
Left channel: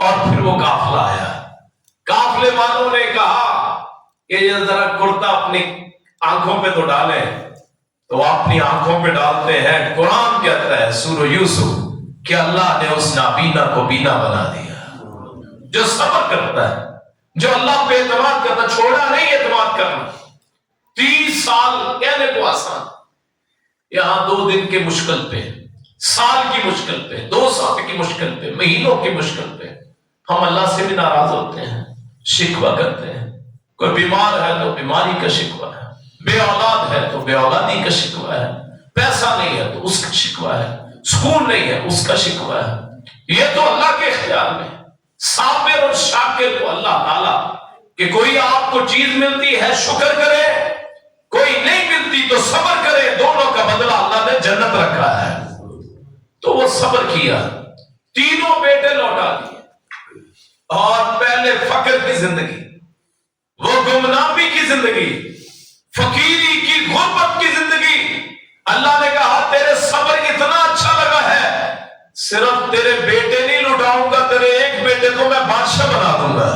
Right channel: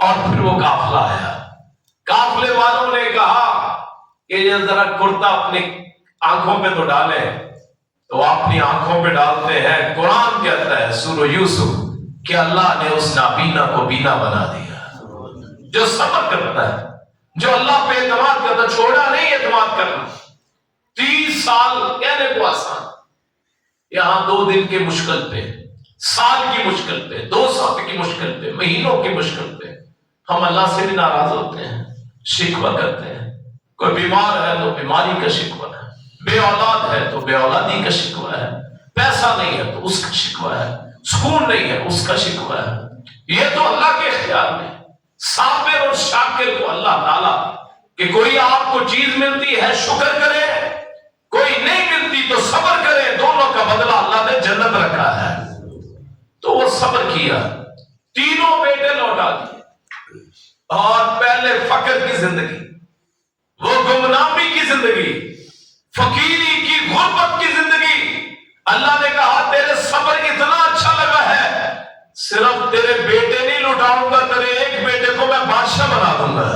اور پھر وہ قافلہ آیا، قافلے والوں نے کہا کہ یہ ذرا کرتا اپنی آنکھوں پہ تو ڈالیں، تو اپنی آنکھوں پہ ڈالتے ہیں۔ قرآن کہتا ہے سورہ یوسف کہ اللہ نے اس نابینا کو بینا بنا دیا، جو صبر کرتا ہے، جو اللہ پہ اعتماد کرتا، چھوڑا نہیں اعتماد کرنا۔ 30 سال کہنے کو آسان، یہاں 2 دن کے مشکل پہ، سال کی مشکل پہ، 2 سال کی مشکل پہ، مہینوں کی مشکل پہ ہم اللہ سے بھی ناراض ہوتے ہیں، شکوہ کرتے ہیں۔ کوئی بیمار ہے تو بیماری کا شکوہ ہے، بے اولاد ہے تو بے اولادی کا شکوہ ہے، پیسہ نہیں ہے تو اس کا شکوہ ہے، سکون نہیں ہے اس کا شکوہ ہے۔ یہ تو اللہ کے اختیار میں، صابر اور شاکر کو اللہ تعالیٰ کہ کوئی آپ کو چیز ملتی ہے شکر کرے، کوئی نہیں ملتی تو صبر کرے، دونوں کا بدلہ اللہ نے جنت رکھا ہے۔ تو وہ صبر کیا، تینوں بیٹے لوٹا دیے، اور پہلے فقر کی زندگی، وہ گمنامی کی زندگی، فقیری کی، غربت کی زندگی، اللہ نے کہا تیرے صبر اتنا اچھا لگا ہے، صرف تیرے بیٹے نہیں لٹاؤں گا، تیرے ایک بیٹے کو میں بادشاہ بنا دوں گا۔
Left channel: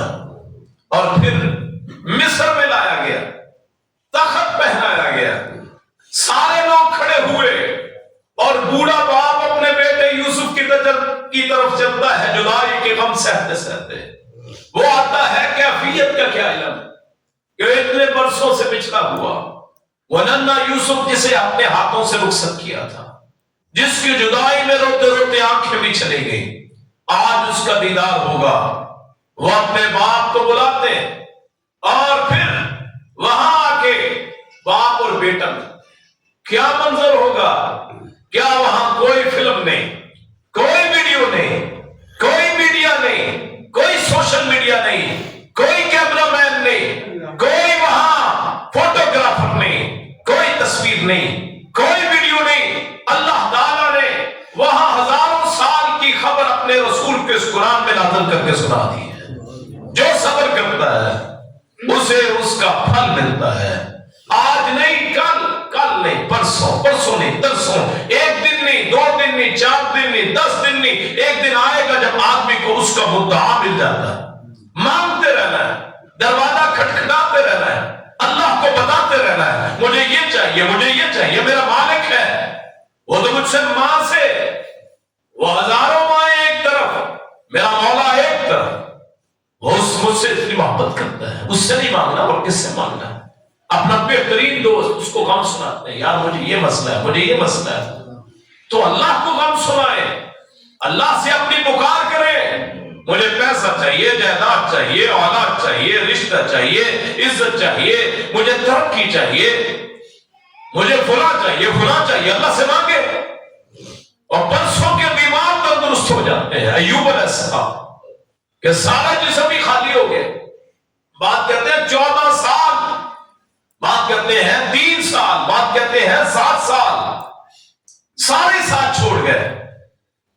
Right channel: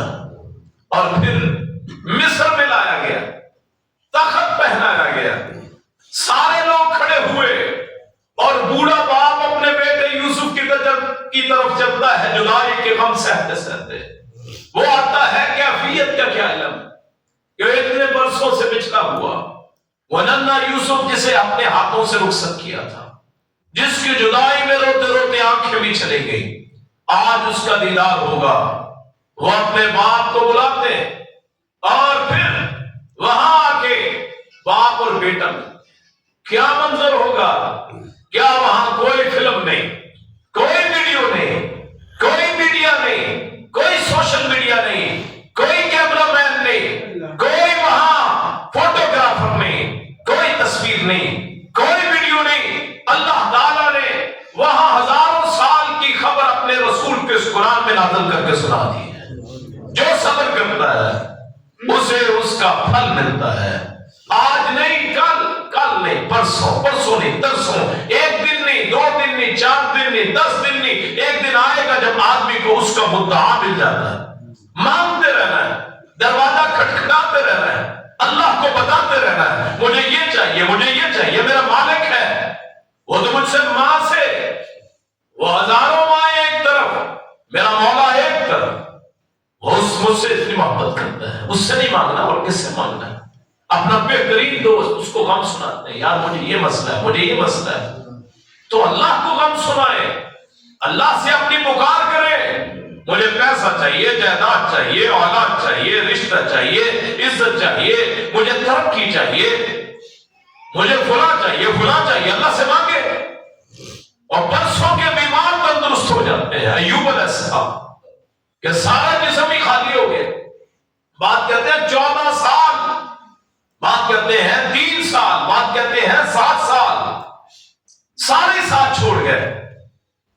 اور پھر مصر میں لایا گیا، تخت پہنایا گیا، سارے لوگ کھڑے ہوئے، اور بوڑھا باپ اپنے بیٹے یوسف کی طرف چلتا ہے جدائی کے غم سہتے سہتے۔ وہ آتا ہے کیفیت کا کیا علم کہ اتنے برسوں سے بچھڑا ہوا وہ ننھا یوسف جسے اپنے ہاتھوں سے رخصت کیا تھا، جس کی جدائی میں روتے روتے آنکھیں بھی چلی گئی، آج اس کا دیدار ہوگا۔ وہ اپنے باپ کو بلاتے اور پھر وہاں آ کے باپ اور بیٹا میں کیا منظر ہوگا؟ کیا وہاں کوئی فلم نہیں، کوئی ویڈیو نہیں، کوئی میڈیا نہیں، کوئی سوشل میڈیا نہیں، کوئی کیمرہ مین نہیں، کوئی وہاں فوٹوگرافر نہیں، کوئی تصویر نہیں، کوئی ویڈیو نہیں۔ اللہ تعالیٰ نے وہاں ہزاروں سال کی خبر اپنے رسول کے اس قرآن میں نازل کر کے سنا دی ہے۔ جو صبر کرتا ہے اسے اس کا پھل ملتا ہے، آج نہیں کل، کل نہیں پرسوں، پرسوں نہیں ترسوں، ایک دن نہیں، 2 دن نہیں، 4 دن نہیں، 10 دن نہیں، ایک دن آئے گا جب آدمی کو اس کا مدعا مل جاتا ہے۔ مانگتے رہنا ہے، دروازہ کھٹکھٹاتے رہنا ہے، اللہ کو بتاتے رہنا ہے مجھے یہ چاہیے، مجھے یہ چاہیے، میرا مالک ہے، وہ تو مجھ سے ماں سے، وہ ہزاروں مائیں ایک طرف، میرا مولا ایک طرف، وہ مجھ سے اتنی محبت کرتا ہے، اس سے نہیں مانگنا اور کس سے مانگنا؟ اپنا بہترین دوست اس کو غم سناتے ہیں، یار مجھے یہ مسئلہ ہے، مجھے یہ مسئلہ ہے، تو اللہ کو غم سنائے، اللہ سے اپنی پکار کرے، مجھے پیسہ چاہیے، جائیداد چاہیے، اولاد چاہیے، رشتہ چاہیے، عزت چاہیے، مجھے ترقی چاہیے، مجھے فلاں چاہیے، فلاں چاہیے، اللہ سے مانگے، اور برسوں کے بیمار تندرست ہو جاتے ہیں۔ ایوب علیہ السلام کہ سارا جسم ہی خالی ہو گیا، بات کہتے ہیں 14 سال، بات کرتے ہیں 3 سال، بات کرتے ہیں 7 سال، سارے ساتھ چھوڑ گئے۔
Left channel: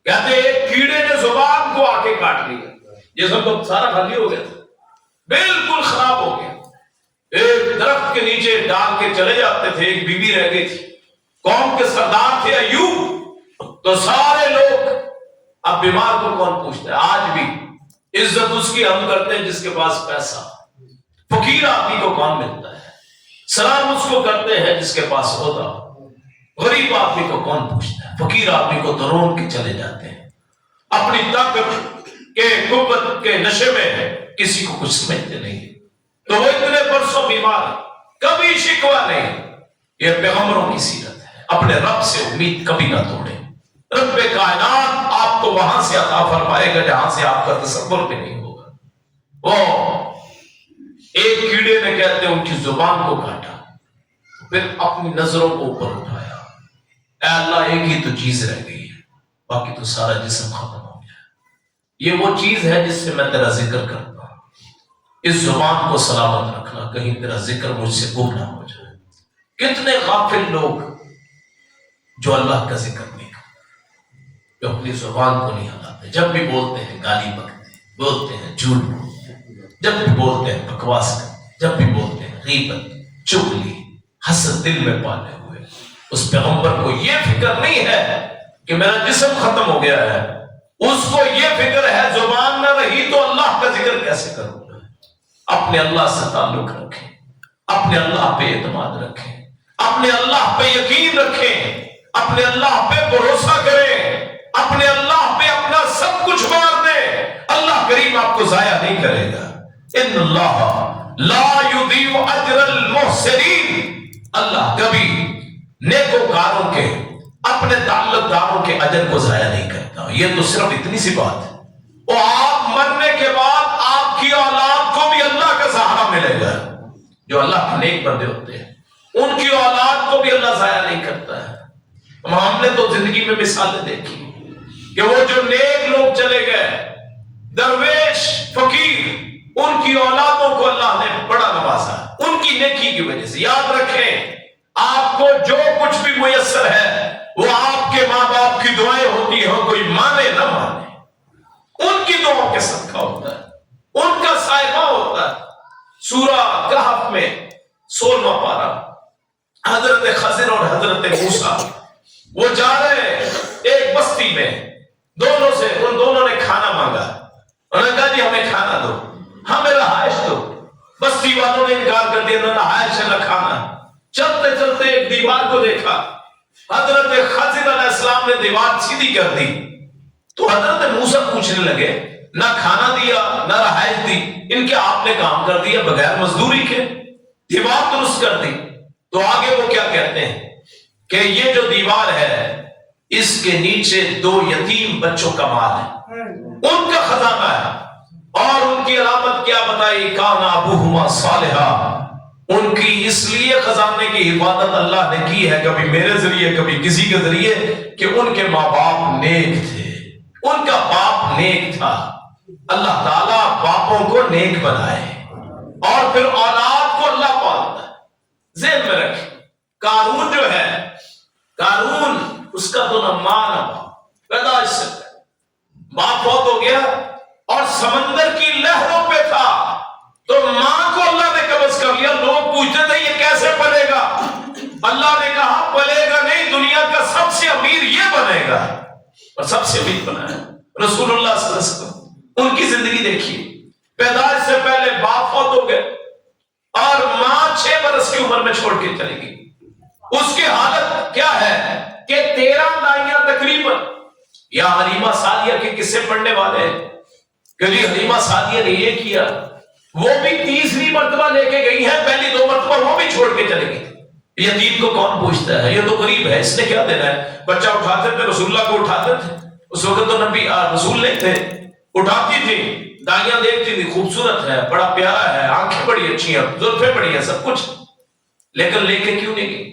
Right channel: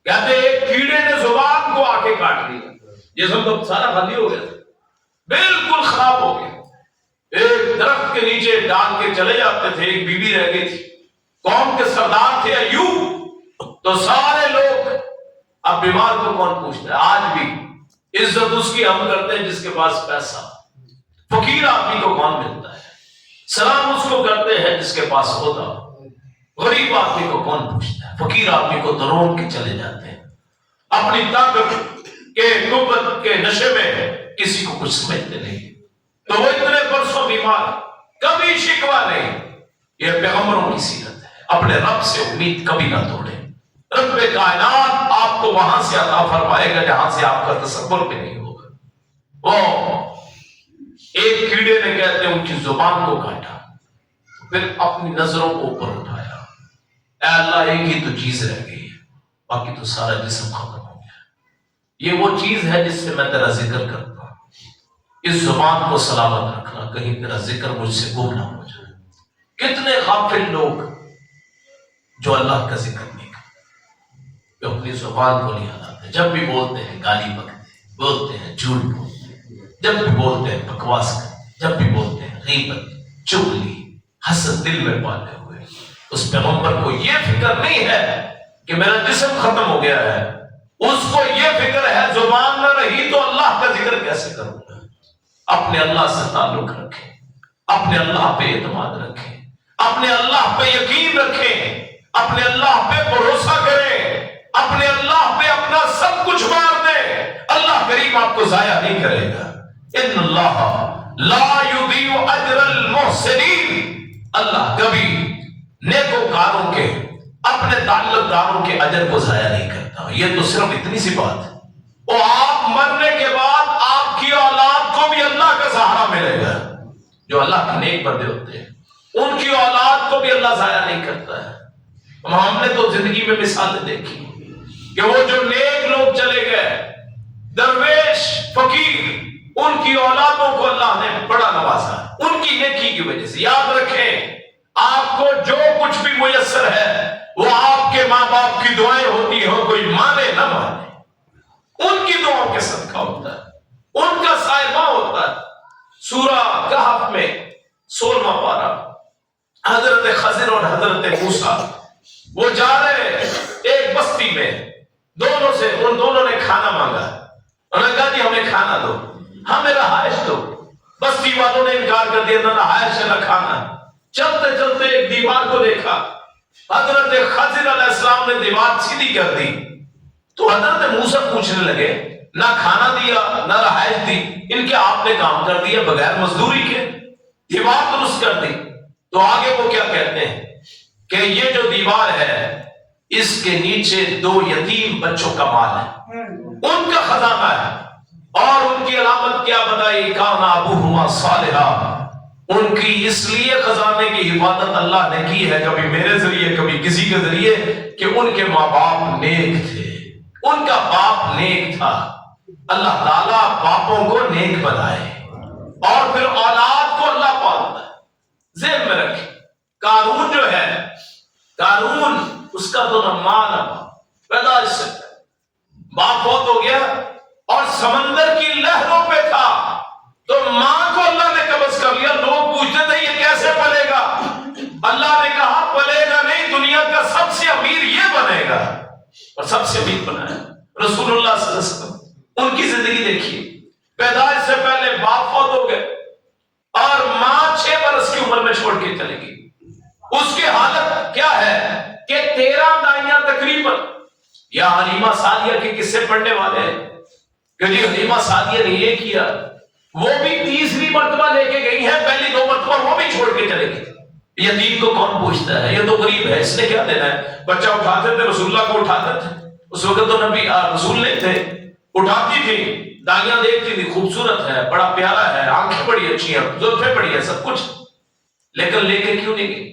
کہتے ہیں ایک کیڑے نے زبان کو آ کے کاٹ لیا، جسم تو سارا خالی ہو گیا، بالکل خراب ہو گیا۔ ایک درخت کے نیچے ڈال کے چلے جاتے تھے، ایک بی بی رہ گئی تھی، قوم کے سردار تھے ایوب، تو سارے لوگ، اب بیمار کو کون پوچھتا ہے؟ آج بھی عزت اس کی ہم کرتے ہیں جس کے پاس پیسہ، فقیر آدمی کو کون ملتا ہے؟ سلام اس کو کرتے ہیں جس کے پاس ہوتا، غریب آدمی کو کون پوچھتا ہے؟ فقیر آدمی کو درون کے چلے جاتے ہیں، اپنی طاقت کے قوت کے نشے میں کسی کو کچھ سمجھتے نہیں، تو وہ اتنے برسوں بیمار، کبھی شکوہ نہیں۔ یہ پیغمبروں کی سیرت ہے، اپنے رب سے امید کبھی نہ توڑیں، رب کائنات آپ کو وہاں سے عطا فرمائے گا جہاں سے آپ کا تصور بھی نہیں ہوگا۔ وہ ایک کیڑے نے کہتے ہیں ان کی زبان کو کاٹا، پھر اپنی نظروں کو اوپر اٹھایا، اے اللہ ایک ہی تو چیز رہ گئی ہے، باقی تو سارا جسم ختم ہو گیا، یہ وہ چیز ہے جس سے میں تیرا ذکر کرتا ہوں، اس زبان کو سلامت رکھنا، کہیں تیرا ذکر مجھ سے گم نہ ہو جائے۔ کتنے غافل لوگ جو اللہ کا ذکر نہیں کرتے، جو اپنی زبان کو نہیں ہلاتے، جب بھی بولتے ہیں گالی بکتے ہیں، بولتے ہیں جھوٹ بولتے ہیں، جب بھی بولتے ہیں بکواس کرتے ہیں، جب بھی بولتے ہیں غیبت، چغلی، حسد دل میں پالے ہوئے۔ اس پیغمبر کو یہ فکر نہیں ہے کہ میرا جسم ختم ہو گیا ہے، اس کو یہ فکر ہے زبان نہ رہی تو اللہ کا ذکر کیسے کروں گا۔ اپنے اللہ سے تعلق رکھیں، اپنے اللہ پہ اعتماد رکھیں، اپنے اللہ پہ یقین رکھیں، اپنے اللہ پہ بھروسہ کریں، اپنے اللہ پہ اپنا سب کچھ مار دیں، اللہ کریم آپ کو ضائع نہیں کرے گا۔ ان اللہ لا یضیع اجر المحسنین، اللہ کبھی نیکوکاروں کے، اپنے تعلق داروں کے اجر کو ضائع نہیں کرتا۔ یہ تو صرف اتنی سی بات ہے، اور آپ مرنے کے بعد آپ کی اولاد کو بھی اللہ کا سہارا ملے گا۔ جو اللہ کے نیک بندے ہوتے ہیں ان کی اولاد کو بھی اللہ ضائع نہیں کرتا ہے۔ ہم نے تو زندگی میں مثالیں دیکھی کہ وہ جو نیک لوگ چلے گئے، درویش، فقیر، ان کی اولادوں کو اللہ نے بڑا نوازا ان کی نیکی کی وجہ سے. یاد رکھیں آپ کو جو کچھ بھی میسر ہے وہ آپ کے ماں باپ کی دعائیں ہوتی ہو, کوئی مانے نہ مانے, ان کی دعاؤں کے صدقہ ہوتا ہے, ان کا صائبہ ہوتا ہے. سورہ کہف میں 16واں پارہ, حضرت خضر اور حضرت موسیٰ وہ جا رہے ایک بستی میں, ان دونوں نے کھانا مانگا. انہوں نے کہا جی ہمیں کھانا دو, ہمیں رہائش دو. بستی والوں نے انکار کر دیا, نہ رہائش ہے نہ کھانا. چلتے چلتے ایک دیوار کو دیکھا, حضرت خضر علیہ السلام نے دیوار سیدھی کر دی. تو حضرت موسیٰ پوچھنے لگے نہ کھانا دیا نہ رہائش دی, ان کے آپ نے کام کر دیا بغیر مزدوری کے, دیوار درست کر دی. تو آگے وہ کیا کہتے ہیں کہ یہ جو دیوار ہے اس کے نیچے 2 یتیم بچوں کا مال ہے, ان کا خزانہ ہے. اور ان کی علامت کیا بتائی, کان ابوہما صالحا, ان کی اس لیے خزانے کی حفاظت اللہ نے کی ہے کبھی میرے ذریعے کبھی کسی کے ذریعے کہ ان کے ماں باپ نیک تھے, ان کا باپ نیک تھا. اللہ تعالیٰ باپوں کو نیک بنائے اور پھر اولاد کو اللہ پالتا ہے. ذہن میں رکھیں قارون جو ہے, قارون اس کا تو نہ ماں نہ باپ, پیدائش سے باپ بہت ہو گیا اور سمندر کی لہروں پہ تھا, تو ماں کو اللہ نے قبض کر لیا. لوگ پوچھتے تھے یہ کیسے پلے گا, اللہ نے کہا پلے گا نہیں, دنیا کا سب سے امیر یہ بنے گا, اور سب سے امیر بنا ہے رسول اللہ صلی اللہ علیہ وسلم. ان کی زندگی دیکھیے, پیدائش سے پہلے باپ فوت ہو گئے اور ماں 6 برس کی عمر میں چھوڑ کے چلی گئی. اس کی حالت کیا ہے کہ 13 دائیاں تقریباً, یا حلیمہ سعدیہ کے قصے پڑھنے والے ہیں کہ جی حلیمہ سعدیہ نے یہ کیا, وہ بھی 30ویں مرتبہ لے کے گئی ہے, پہلی 2 مرتبہ وہ بھی چھوڑ کے چلے گئی. یتیم کو کون پوچھتا ہے, یہ تو غریب ہے, اس نے کیا دینا ہے. بچہ اٹھاتے تھے, رسول اللہ کو اٹھاتے تھے, اس وقت تو نبی رسول نہیں تھے, اٹھاتی تھی, دائیاں دیکھتی تھی خوبصورت ہے, بڑا پیارا ہے, آنکھیں بڑی اچھی ہیں, زلفیں بڑی ہیں, سب کچھ, لیکن لے کے کیوں نہیں گئی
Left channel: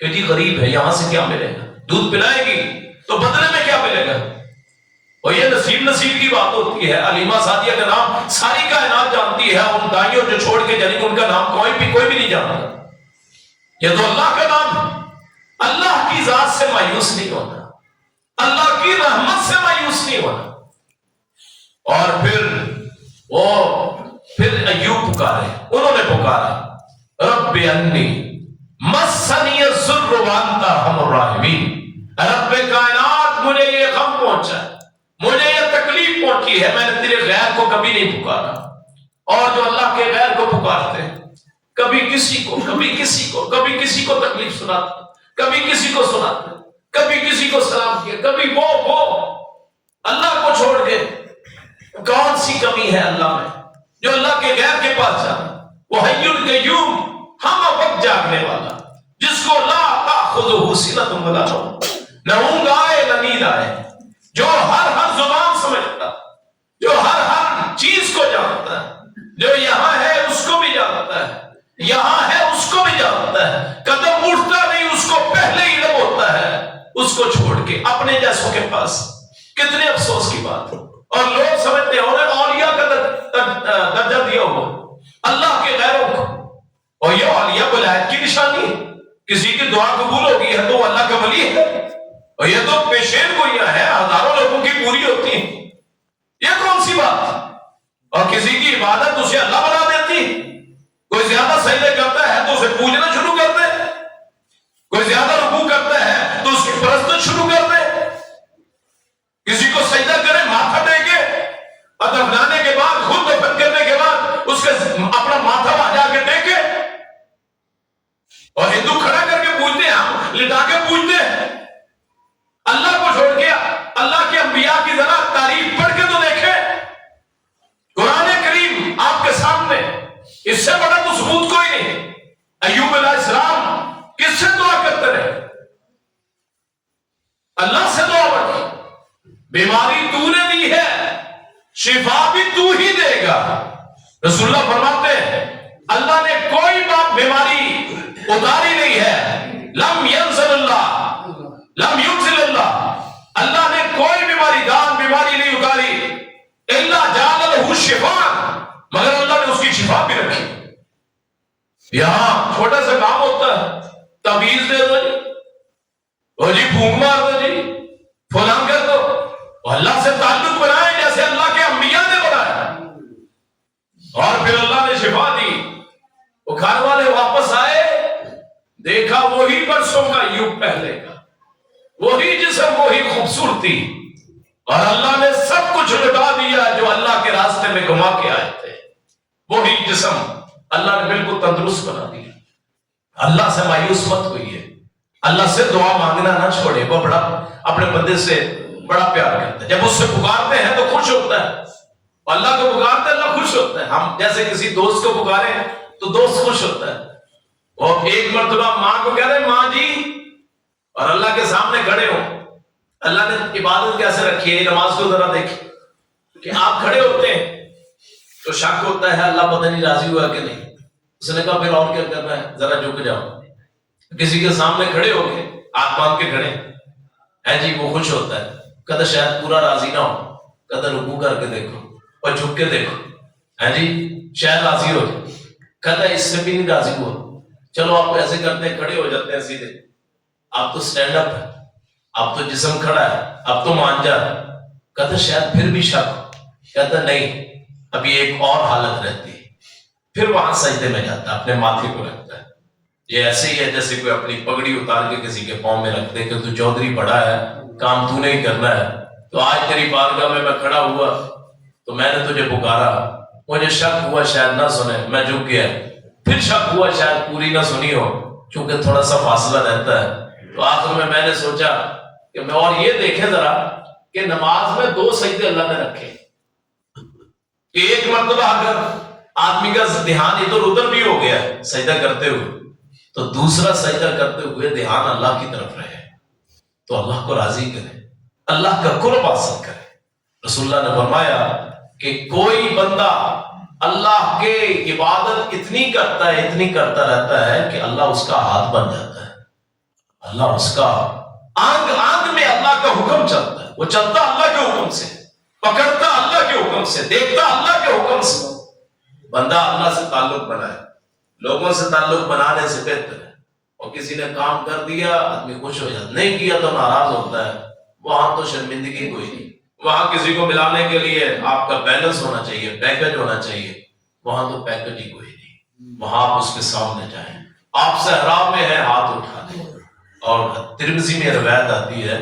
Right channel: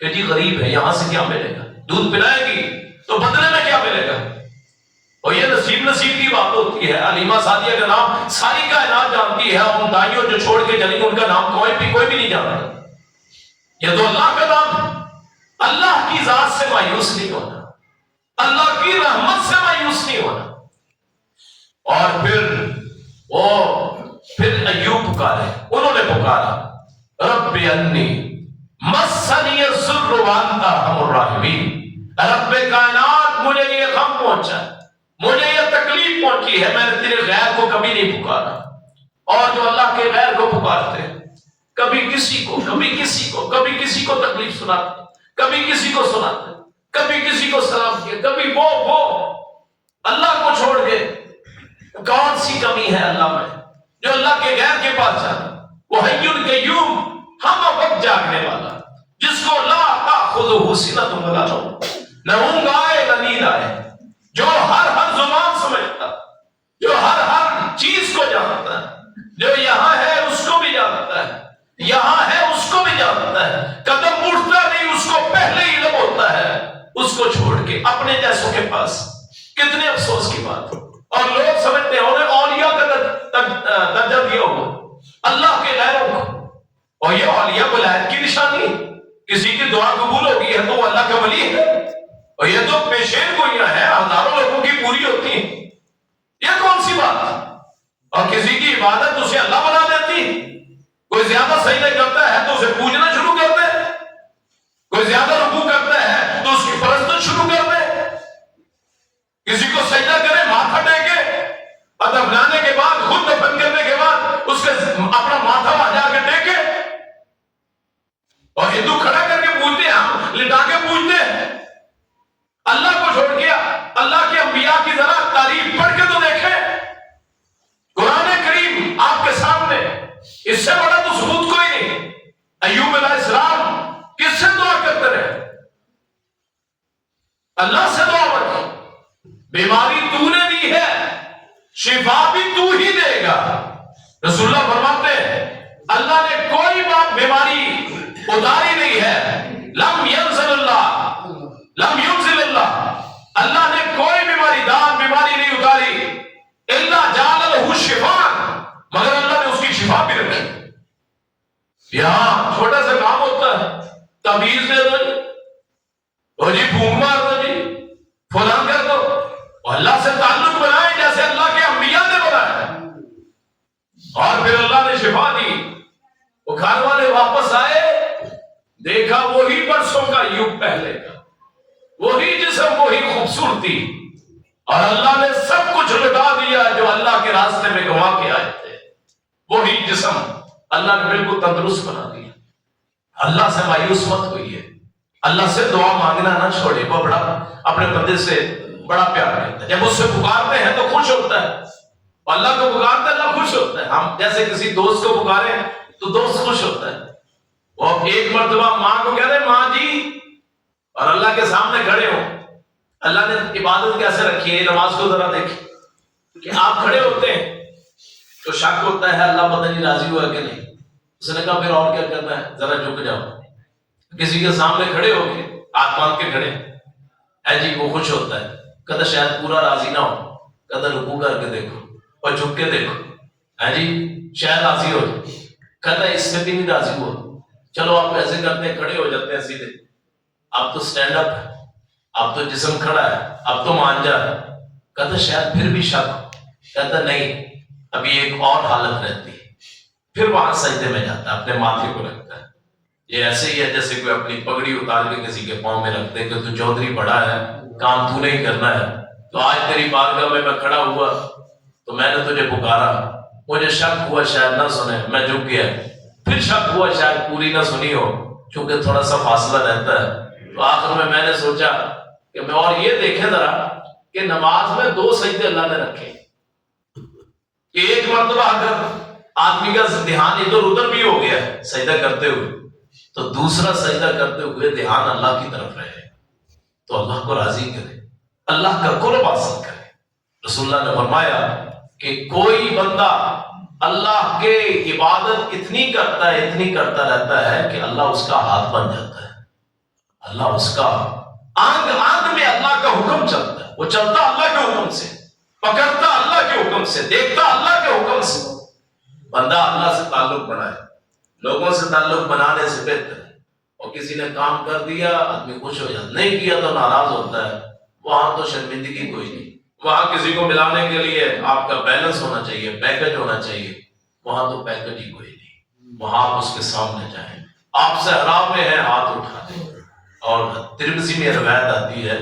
کہ جی غریب ہے, یہاں سے کیا ملے گا. دودھ پلائے گی تو بدلے میں کیا ملے گا, اور یہ نصیب کی بات ہوتی ہے. حلیمہ سعدیہ کا نام ساری کائنات جانتی ہے, ان دائیوں جو چھوڑ کے چلی ان کا نام کوئی بھی نہیں جانتا. یہ تو اللہ کا نام ہے. اللہ کی ذات سے مایوس نہیں ہونا, اللہ کی رحمت سے مایوس نہیں ہونا. اور پھر ایوب پکارے, انہوں نے پکارا رب انی مسنی الضر وانت ارحم الراحمین, رب کائنات مجھے یہ غم پہنچا, مجھے یہ تکلیف پہنچی ہے, میں نے تیرے غیر کو کبھی نہیں پکارا. اور جو اللہ کے غیر کو پکارتے ہیں, کبھی کسی کو تکلیف سناتے, کبھی کسی کو سناتے, کبھی کسی کو سلام کیا, کبھی وہ اللہ کو چھوڑ کے. کون سی کمی ہے اللہ میں جو اللہ کے غیر کے پاس جائے. وہ حی القیوم, ہم وقت جاگنے والا, جس کو لا تأخذہ سنۃ ولا نوم, نہ اونگ آئے نہ نیند آئے, جو ہر زبان سمجھتا, جو ہر چیز کو جانتا ہے, جو یہاں ہے اس کو بھی جانتا ہے, یہاں ہے اس کو بھی جانتا ہے, قدم اٹھتا نہیں اس کو پہلے ہی علم ہوتا ہے, اس کو چھوڑ کے اپنے جیسوں کے پاس. کتنے افسوس کی بات. اور لوگ سمجھتے ہیں انہیں اولیاء کا درجہ دیا ہو اللہ کے غیروں کو, اور یہ اولیاء ولایت کی نشانی ہے. کسی کی دعا قبول ہوگی ہے تو وہ اللہ کا ولی ہے, اور یہ تو پیشین گوئیاں ہیں, ہزاروں لوگوں کی پوری ہوتی ہیں. یہ کون سی بات ہے؟ اور کسی کی عبادت اسے اللہ بنا دیتی. کوئی زیادہ سجدے کرتا ہے تو اسے پوجنا شروع کرتے ہیں, کوئی زیادہ رکوع کرتا ہے تو اس کی پرستش شروع کرتے ہیں. کسی کو سجدہ کرے, ماتھا ٹیکے, اور دفنانے کے بعد, خود دفن کرنے کے بعد اس کے اپنا ماتھا وہاں جا کے ٹیکے, اور ہندو کھڑا کر کے پوچھتے ہیں, ہم لٹا کے پوچھتے ہیں. اللہ کو چھوڑ کے اللہ کے انبیاء کی ذرا تعریف پڑھ کے تو دیکھیں. قرآن کریم آپ کے سامنے, اس سے بڑا تو ثبوت کوئی نہیں. ایوب علیہ السلام کس سے دعا کرتے رہے, اللہ سے دعا پڑھی. بیماری تو نے دی ہے, شفا بھی تو ہی دے گا. رسول اللہ فرماتے ہیں اللہ نے کوئی بیماری اتاری نہیں ہے. لم ينزل اللہ, لم ينزل اللہ, اللہ نے کوئی بیماری نہیں اتاری. الا جعل له شفاء, مگر یہاں چھوٹا سا کام ہوتا ہے، تعویذ دے دو جی، اور جی پھونک مار دو جی، فلاں کر دو، اور اللہ سے تعلق بنائے جیسے اللہ کے انبیاء نے بنایا، اور پھر اللہ نے شفا دی۔ وہ گھر والے واپس آئے، دیکھا وہی برسوں کا یوگ پہلے کا، وہی جسم، وہی خوبصورتی، اور اللہ نے سب کچھ لٹا دیا جو اللہ کے راستے میں گما کے آئے تھے۔ وہی جسم اللہ نے بالکل تندرست بنا دیا۔ اللہ سے مایوس مت ہوئیے، اللہ سے دعا مانگنا نہ چھوڑے۔ وہ بڑا اپنے بندے سے بڑا پیار کرتا ہے، جب اس سے پکارتے ہیں تو خوش ہوتا ہے، اللہ کو پکارتے ہیں اللہ خوش ہوتا ہے۔ ہم جیسے کسی دوست کو پکارے تو دوست خوش ہوتا ہے۔ اور ایک مرتبہ ماں کو کہہ رہے ماں جی، اور اللہ کے سامنے کھڑے ہو، اللہ نے عبادت کیسے رکھی ہے، نماز کو ذرا دیکھیں کہ آپ کھڑے ہوتے ہیں تو شک ہوتا ہے اللہ پتہ نہیں راضی ہوا کہ نہیں۔ اس نے کہا پھر اور کیا کرنا ہے، ذرا جھک جاؤ، کسی کے سامنے کھڑے ہو کے ہاتھ باندھ کے کھڑے ہے جی، وہ خوش ہوتا ہے، کہتا شاید پورا راضی نہ ہو، کہتا رکوع کر کے دیکھو اور جھک کے دیکھو، ہے جی شاید راضی ہو جائے، کہتا ہے اس سے بھی نہیں راضی ہوا، چلو آپ ایسے کرتے ہیں، کھڑے ہو جاتے ہیں سیدھے، اب تو سٹینڈ اپ ہے، اب تو جسم کھڑا ہے، اب تو مان جا، کہتا شاید پھر بھی شک ہو، کہتا نہیں ابھی ایک اور حالت رہتی ہے، پھر وہاں سجدے میں جاتا ہے، اپنے ماتھے کو رکھتا ہے۔ یہ ایسے ہی ہے جیسے کوئی اپنی پگڑی اتار کے کسی کے پاؤں میں رکھ دے کہ تو چودھری بڑا ہے، کام تو نہیں کرنا ہے، تو آج تیری بارگاہ میں کھڑا ہوا تو میں نے تجھے پکارا، مجھے شک ہوا شاید نہ سنے، میں جھک گیا، پھر شک ہوا شاید پوری نہ سنی ہو، چونکہ تھوڑا سا فاصلہ رہتا ہے، تو آخر میں نے سوچا کہ میں اور یہ دیکھیں ذرا کہ نماز میں 2 سجدے اللہ نے رکھے، کہ ایک مرتبہ اگر آدمی کا دھیان ادھر ادھر بھی ہو گیا سجدہ کرتے ہوئے تو دوسرا سجدہ کرتے ہوئے دھیان اللہ کی طرف رہے، تو اللہ کو راضی کرے، اللہ کا قرب حاصل کرے۔ رسول اللہ نے فرمایا کہ کوئی بندہ اللہ کے عبادت اتنی کرتا رہتا ہے کہ اللہ اس کا ہاتھ بن جاتا ہے، اللہ اس کا آنگ آنگ میں اللہ کا حکم چلتا ہے، وہ چلتا اللہ کے حکم سے، پکڑتا اللہ کے حکم سے، دیکھتا اللہ کے حکم سے۔ بندہ اللہ سے تعلق بنائے، لوگوں سے تعلق بنانے سے بہتر ہے۔ اور کسی نے کام کر دیا آدمی خوش ہو جاتا، نہیں کیا تو ناراض ہوتا ہے، وہاں تو شرمندگی کوئی نہیں۔ وہاں کسی کو ملانے کے لیے آپ کا بیلنس ہونا چاہیے، پیکج ہونا چاہیے، وہاں تو پیکج ہی کوئی نہیں، وہاں آپ اس کے سامنے جائیں، آپ صحرا میں ہیں ہاتھ اٹھا دیں۔ اور ترمذی میں روایت آتی ہے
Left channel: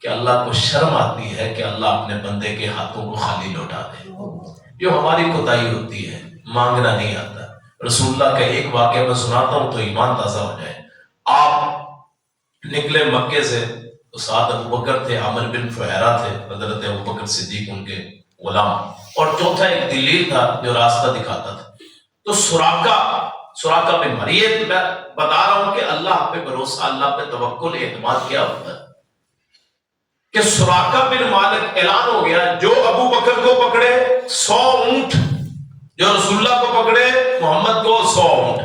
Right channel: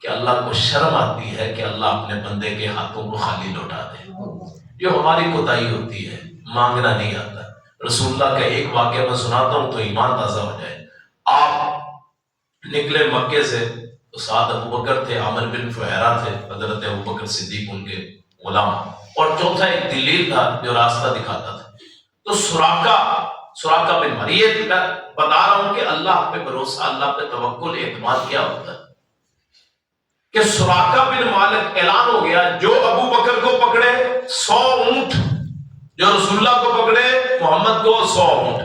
کہ اللہ کو شرم آتی ہے کہ اللہ اپنے بندے کے ہاتھوں کو خالی لوٹا دے، جو ہماری کوتاہی ہوتی ہے، مانگنا نہیں آتا۔ رسول اللہ کا ایک واقعہ میں سناتا ہوں تو ایمان تازہ ہو جائے۔ آپ نکلے مکے سے تو ساتھ ابو بکر تھے، عامر بن فہیرہ تھے، حضرت ابو بکر صدیق ان کے غلام، اور چوتھا ایک دلیل تھا جو راستہ دکھاتا تھا۔ تو سراقہ بن مریت، میں بتا رہا ہوں کہ اللہ پہ بھروسہ، اللہ پہ توکل، اعتماد کیا ہوتا ہے کہ سراقہ بن مالک اعلان ہو گیا جو ابو بکر کو پکڑے 100 اونٹ، جو رسول اللہ کو پکڑے محمد کو 100 اونٹ،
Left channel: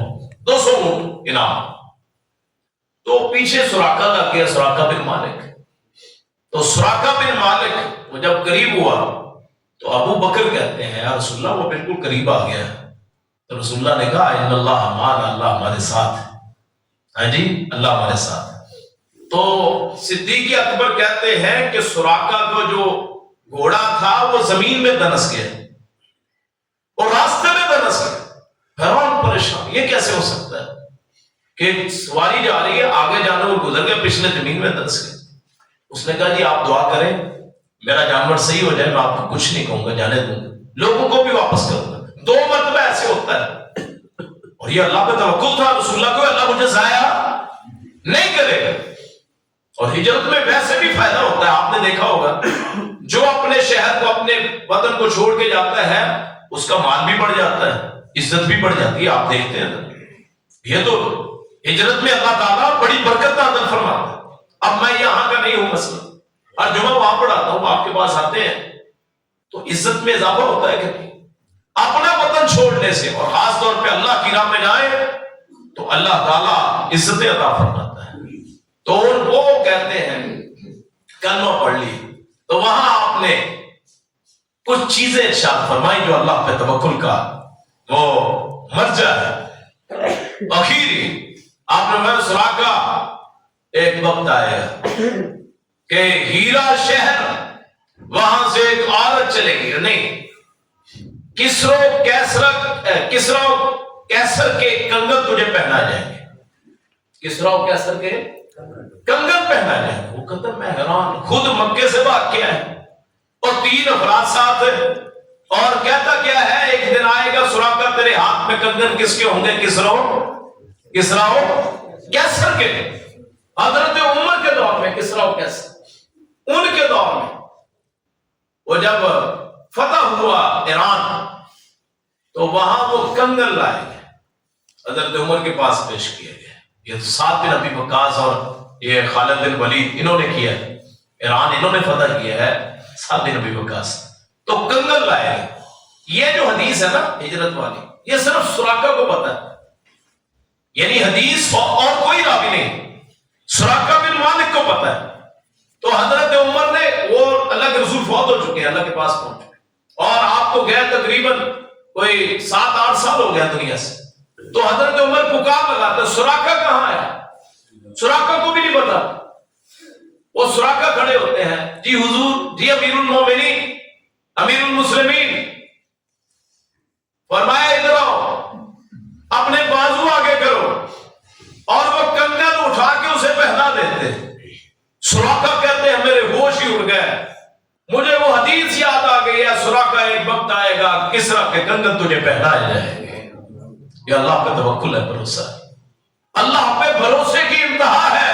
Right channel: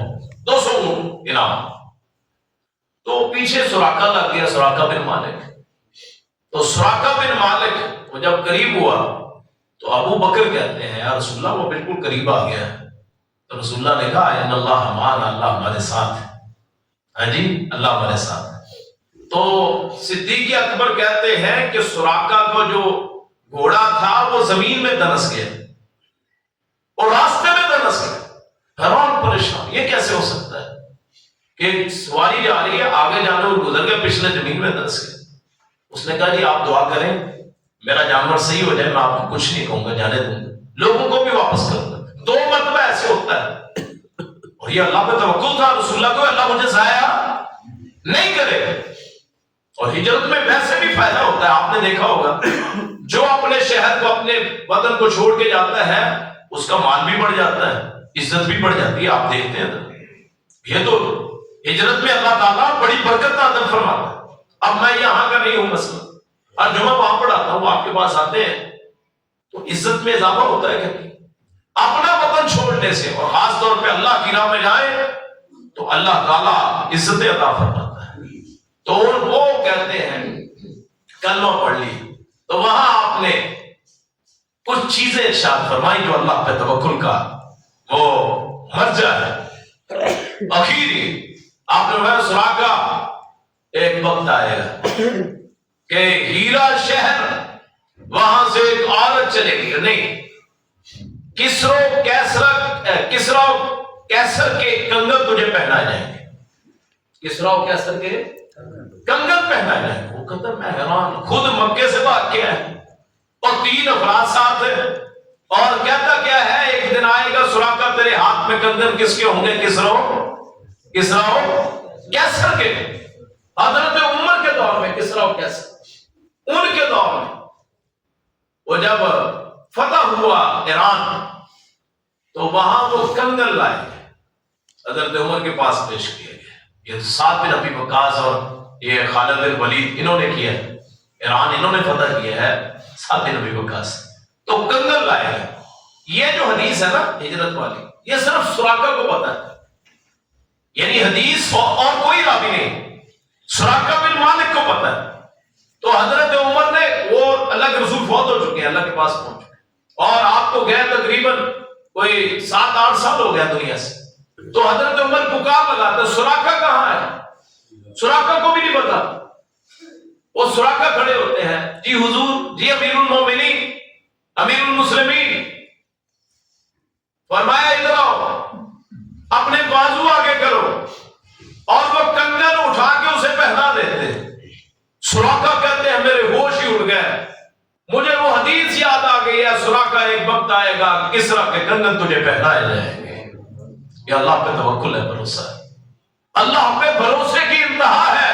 200 اونٹ انعام۔ تو پیچھے سراقہ لگ گیا، سراقہ بن مالک۔ تو سراقہ بن مالک وہ جب قریب ہوا تو ابو بکر کہتے ہیں یا رسول اللہ وہ بالکل قریب آ گیا ہے۔ تو رسول اللہ نے کہا ان اللہ معنا، اللہ ہمارے ساتھ ہے، ہاں جی اللہ ہمارے ساتھ ہے۔ تو صدیق اکبر کہتے ہیں کہ سراقہ کو جو گھوڑا تھا وہ زمین میں دنس گیا اور راستے میں دنس گیا، حیران پریشان یہ کیسے ہو سکتا ہے کہ سواری جا رہی ہے، آگے جانے اور گزر گیا، پچھلے زمین میں دنس گیا۔ اس نے کہا جی آپ دعا کریں میرا جانور صحیح ہو جائے، میں آپ کو کچھ نہیں کہوں گا، جانے دوں گا، لوگوں کو بھی واپس کروں گا۔ 2 مرتبہ ایسے ہوتا ہے، اور یہ اللہ پہ توکل تھا رسول اللہ کو، اللہ مجھے ضائع نہیں کرے گا۔ اور ہجرت میں ویسے بھی فائدہ ہوتا ہے، آپ نے دیکھا ہوگا جو اپنے شہر کو، اپنے وطن کو چھوڑ کے جاتا ہے اس کا مال بھی بڑھ جاتا ہے، عزت بھی بڑھ جاتی ہے، آپ دیکھتے ہیں یہ تو ہجرت میں اللہ تعالیٰ بڑی برکت عطا فرماتا ہے۔ اب میں یہاں کا نہیں ہوں، مثلا ہر جمعہ وہاں پڑھاتا ہوں، آپ کے پاس آتے ہیں تو عزت میں اضافہ ہوتا ہے کہ نہیں؟ اپنا وطن چھوڑنے سے، اور خاص طور پہ اللہ کی راہ میں جائے تو اللہ تعالیٰ عزت عطا فرماتا ہے۔ تو وہ کہتے ہیں کلمہ پڑھ لی تو وہاں آپ نے کچھ چیزیں ارشاد فرمائی جو اللہ پہ توکل کا وہ مرجع ہے۔ آخری آپ نے میں سراقہ ایک وقت آئے گا کہ ہیرا شہر وہاں سے ایک عورت چلے گی، نہیں، کسرا کیسر کے کنگن تجھے پہنا جائیں گے، کسرا کیسر کے کنگن پہنا جائیں گے۔ وہ کہتا میں حیران، خود مکے سے بھاگ کے آئے اور 3 افراد ساتھ ہیں، اور کہتا کیا ہے ایک دن آئے گا سراقہ تیرے ہاتھ میں کنگن کس کے ہوں گے؟ کسرا کیسر کے۔ حضرت عمر کے دور میں کسرا کیسر، ان کے دور میں وہ جب فتح ہوا ایران تو وہاں وہ کنگن لائے گئے، حضرت عمر کے پاس پیش کیے گئے۔ یہ سعد بن ابی وقاص اور یہ خالد بن ولید انہوں نے کیا ہے، ایران انہوں نے فتح کیا ہے، سعد بن ابی وقاص تو کنگن لائے گئے۔ یہ جو حدیث ہے نا ہجرت والی، یہ صرف سراقہ کو پتہ ہے، یعنی حدیث اور کوئی راوی نہیں، سراقہ بن مالک کو پتہ ہے۔ تو حضرت عمر نے، وہ اللہ کے رسول فوت ہو چکے ہیں، اللہ کے پاس پہنچ چکے، اور آپ کو گیا تقریباً کوئی 7-8 سال ہو گیا دنیا سے، تو حضرت عمر پکار لگاتے سراقہ کہاں ہے؟ سراقہ کو بھی نہیں پتا۔ وہ سراقہ کھڑے ہوتے ہیں، جی حضور، جی امیر المومنین، امیر المسلمین، فرمایا ادھر آؤ، اپنے بازو آگے کرو، اور وہ کنگن اٹھا کے اسے پہنا دیتے۔ سراقہ کہتے ہیں میرے ہوش ہی اڑ گئے، مجھے وہ حدیث یاد آ گئی ہے، سراقہ ایک وقت آئے گا کسرا کے کنگن تجھے پہنائے جائیں گے۔ یہ اللہ پہ توکل ہے، بھروسہ ہے، اللہ پہ بھروسے کی انتہا ہے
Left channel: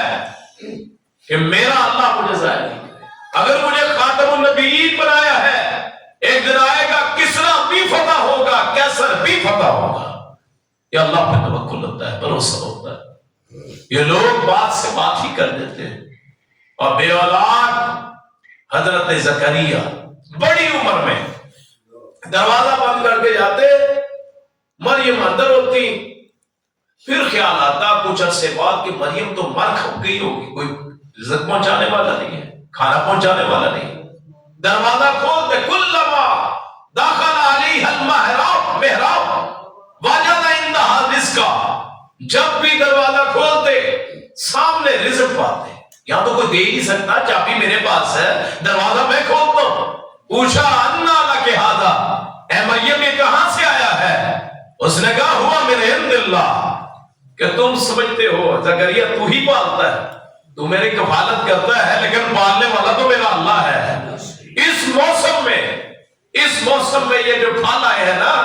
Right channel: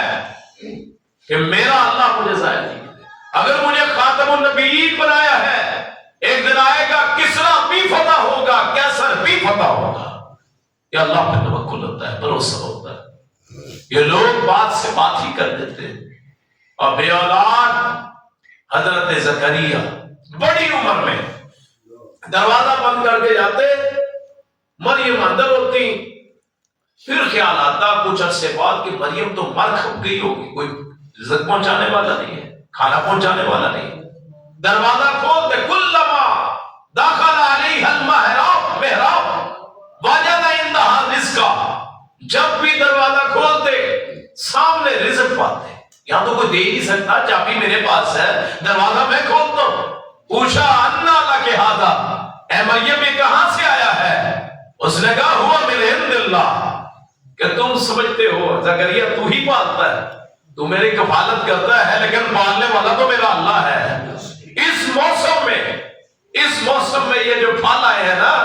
کہ میرا اللہ مجھے ضائع نہیں کرے۔ اگر مجھے خاتم النبیین بنایا ہے، ایک دن آئے گا کسرا بھی فتح ہوگا، کیسر بھی فتح ہوگا۔ یہ اللہ پہ توکل ہوتا ہے، بھروسہ ہوتا ہے۔ یہ لوگ بات سے بات ہی کر دیتے ہیں، اور بے اولاد حضرت زکریا بڑی عمر میں دروازہ بند کر کے جاتے، مریم اندر ہوتی، پھر خیال آتا کچھ عرصے بعد کہ مریم تو مر گئی ہوگی، کوئی رزق پہنچانے والا نہیں ہے، کھانا پہنچانے والا نہیں ہے۔ دروازہ کھولتے، کلما داخل علیہ المحراب وجد عندها رزقا، جب بھی دروازہ کھولتے سامنے رزق پاتے۔ یہاں تو کوئی دے ہی نہیں سکتا، چابی میرے پاس ہے، دروازہ میں کھولتا ہوں۔ پوچھا انا لک ھذا، اے مریم یہ کہاں سے آیا ہے؟ اس نے کہا ہوا من عند اللہ، کہ تم سمجھتے ہو زکریا تو ہی پالتا ہے، تو میری کفالت کرتا ہے، لیکن پالنے والا تو میرا اللہ ہے۔ اس موسم میں یہ جو پھل آئے ہیں نا،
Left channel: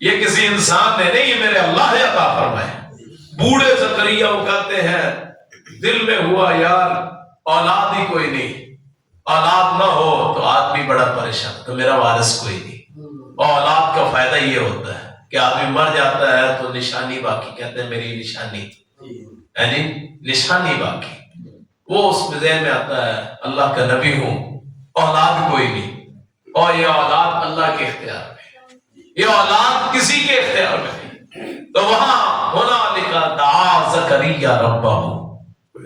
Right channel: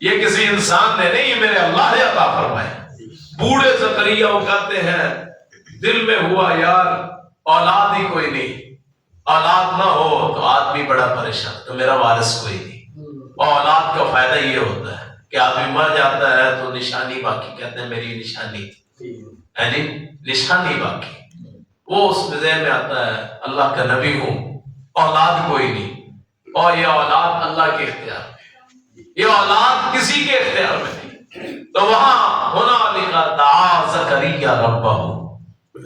یہ کسی انسان نے نہیں، یہ میرے اللہ نے عطا فرمائے۔ بوڑھے زکریا وہ کہتے ہیں دل میں ہوا یار اولاد ہی کوئی نہیں، اولاد نہ ہو تو آدمی بڑا پریشان، تو میرا وارث کوئی نہیں۔ اولاد کا فائدہ یہ ہوتا ہے کہ آدمی مر جاتا ہے تو نشانی باقی، کہتے ہیں میری نشانی، یعنی نشانی باقی۔ وہ اس میں ذہن میں آتا ہے اللہ کا نبی ہوں، اولاد کوئی نہیں، اور یہ اولاد اللہ کے اختیار میں، یہ اولاد کسی کے اختیار میں نہیں۔ تو وہاں ہنالک دعا زکریا ربہ،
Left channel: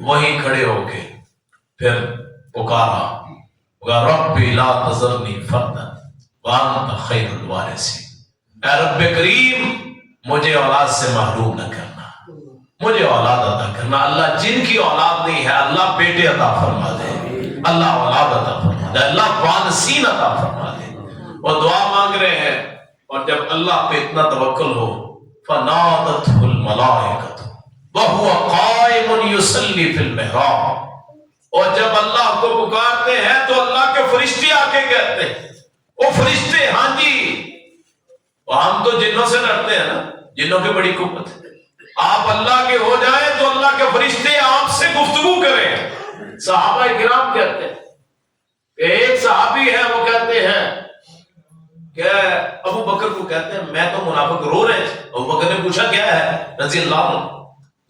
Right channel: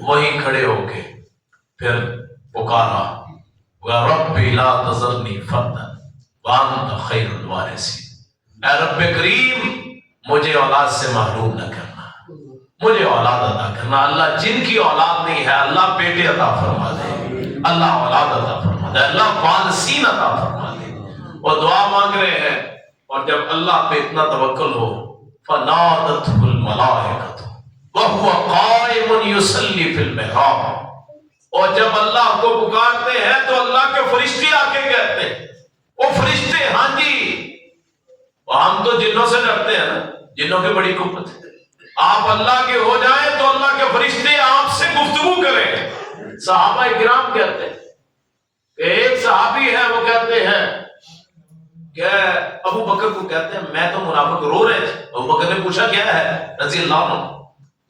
وہیں کھڑے ہو کے پھر پکارا ربی لا تذرنی فردا وانت خیر الوارثین، اے رب کریم مجھے اولاد سے محروم نہ کرنا، مجھے اولاد عطا کرنا۔ اللہ جن کی اولاد نہیں ہے اللہ بیٹے عطا فرما دے، اللہ اولاد عطا فرما دے، اللہ وارثین عطا فرما دے۔ اور دعا مانگ رہے ہیں، اور جب اللہ پہ اتنا توکل ہو، فنادته الملائکۃ وهو قائم يصلي في المحراب، اور جب اللہ کو پکارتے ہیں تو اللہ کے فرشتے آ کے کہتے ہیں، وہ فرشتے ہاں جی، ہم تو جنوں سے ڈرتے ہیں نا، جنوں کی بڑی قوت ہے، آپ اللہ کے ہو جائیں تو اللہ کے فرشتے آپ سے گفتگو کریں۔ صحابہ کرام کہتے ہیں کہ ایک صحابی ہے، وہ کہتے ہیں کہ ابو بکر کو کہتے ہیں میں تو منافق، رو رہے تھے، ابو بکر نے پوچھا کیا ہے رضی اللہ عنہ،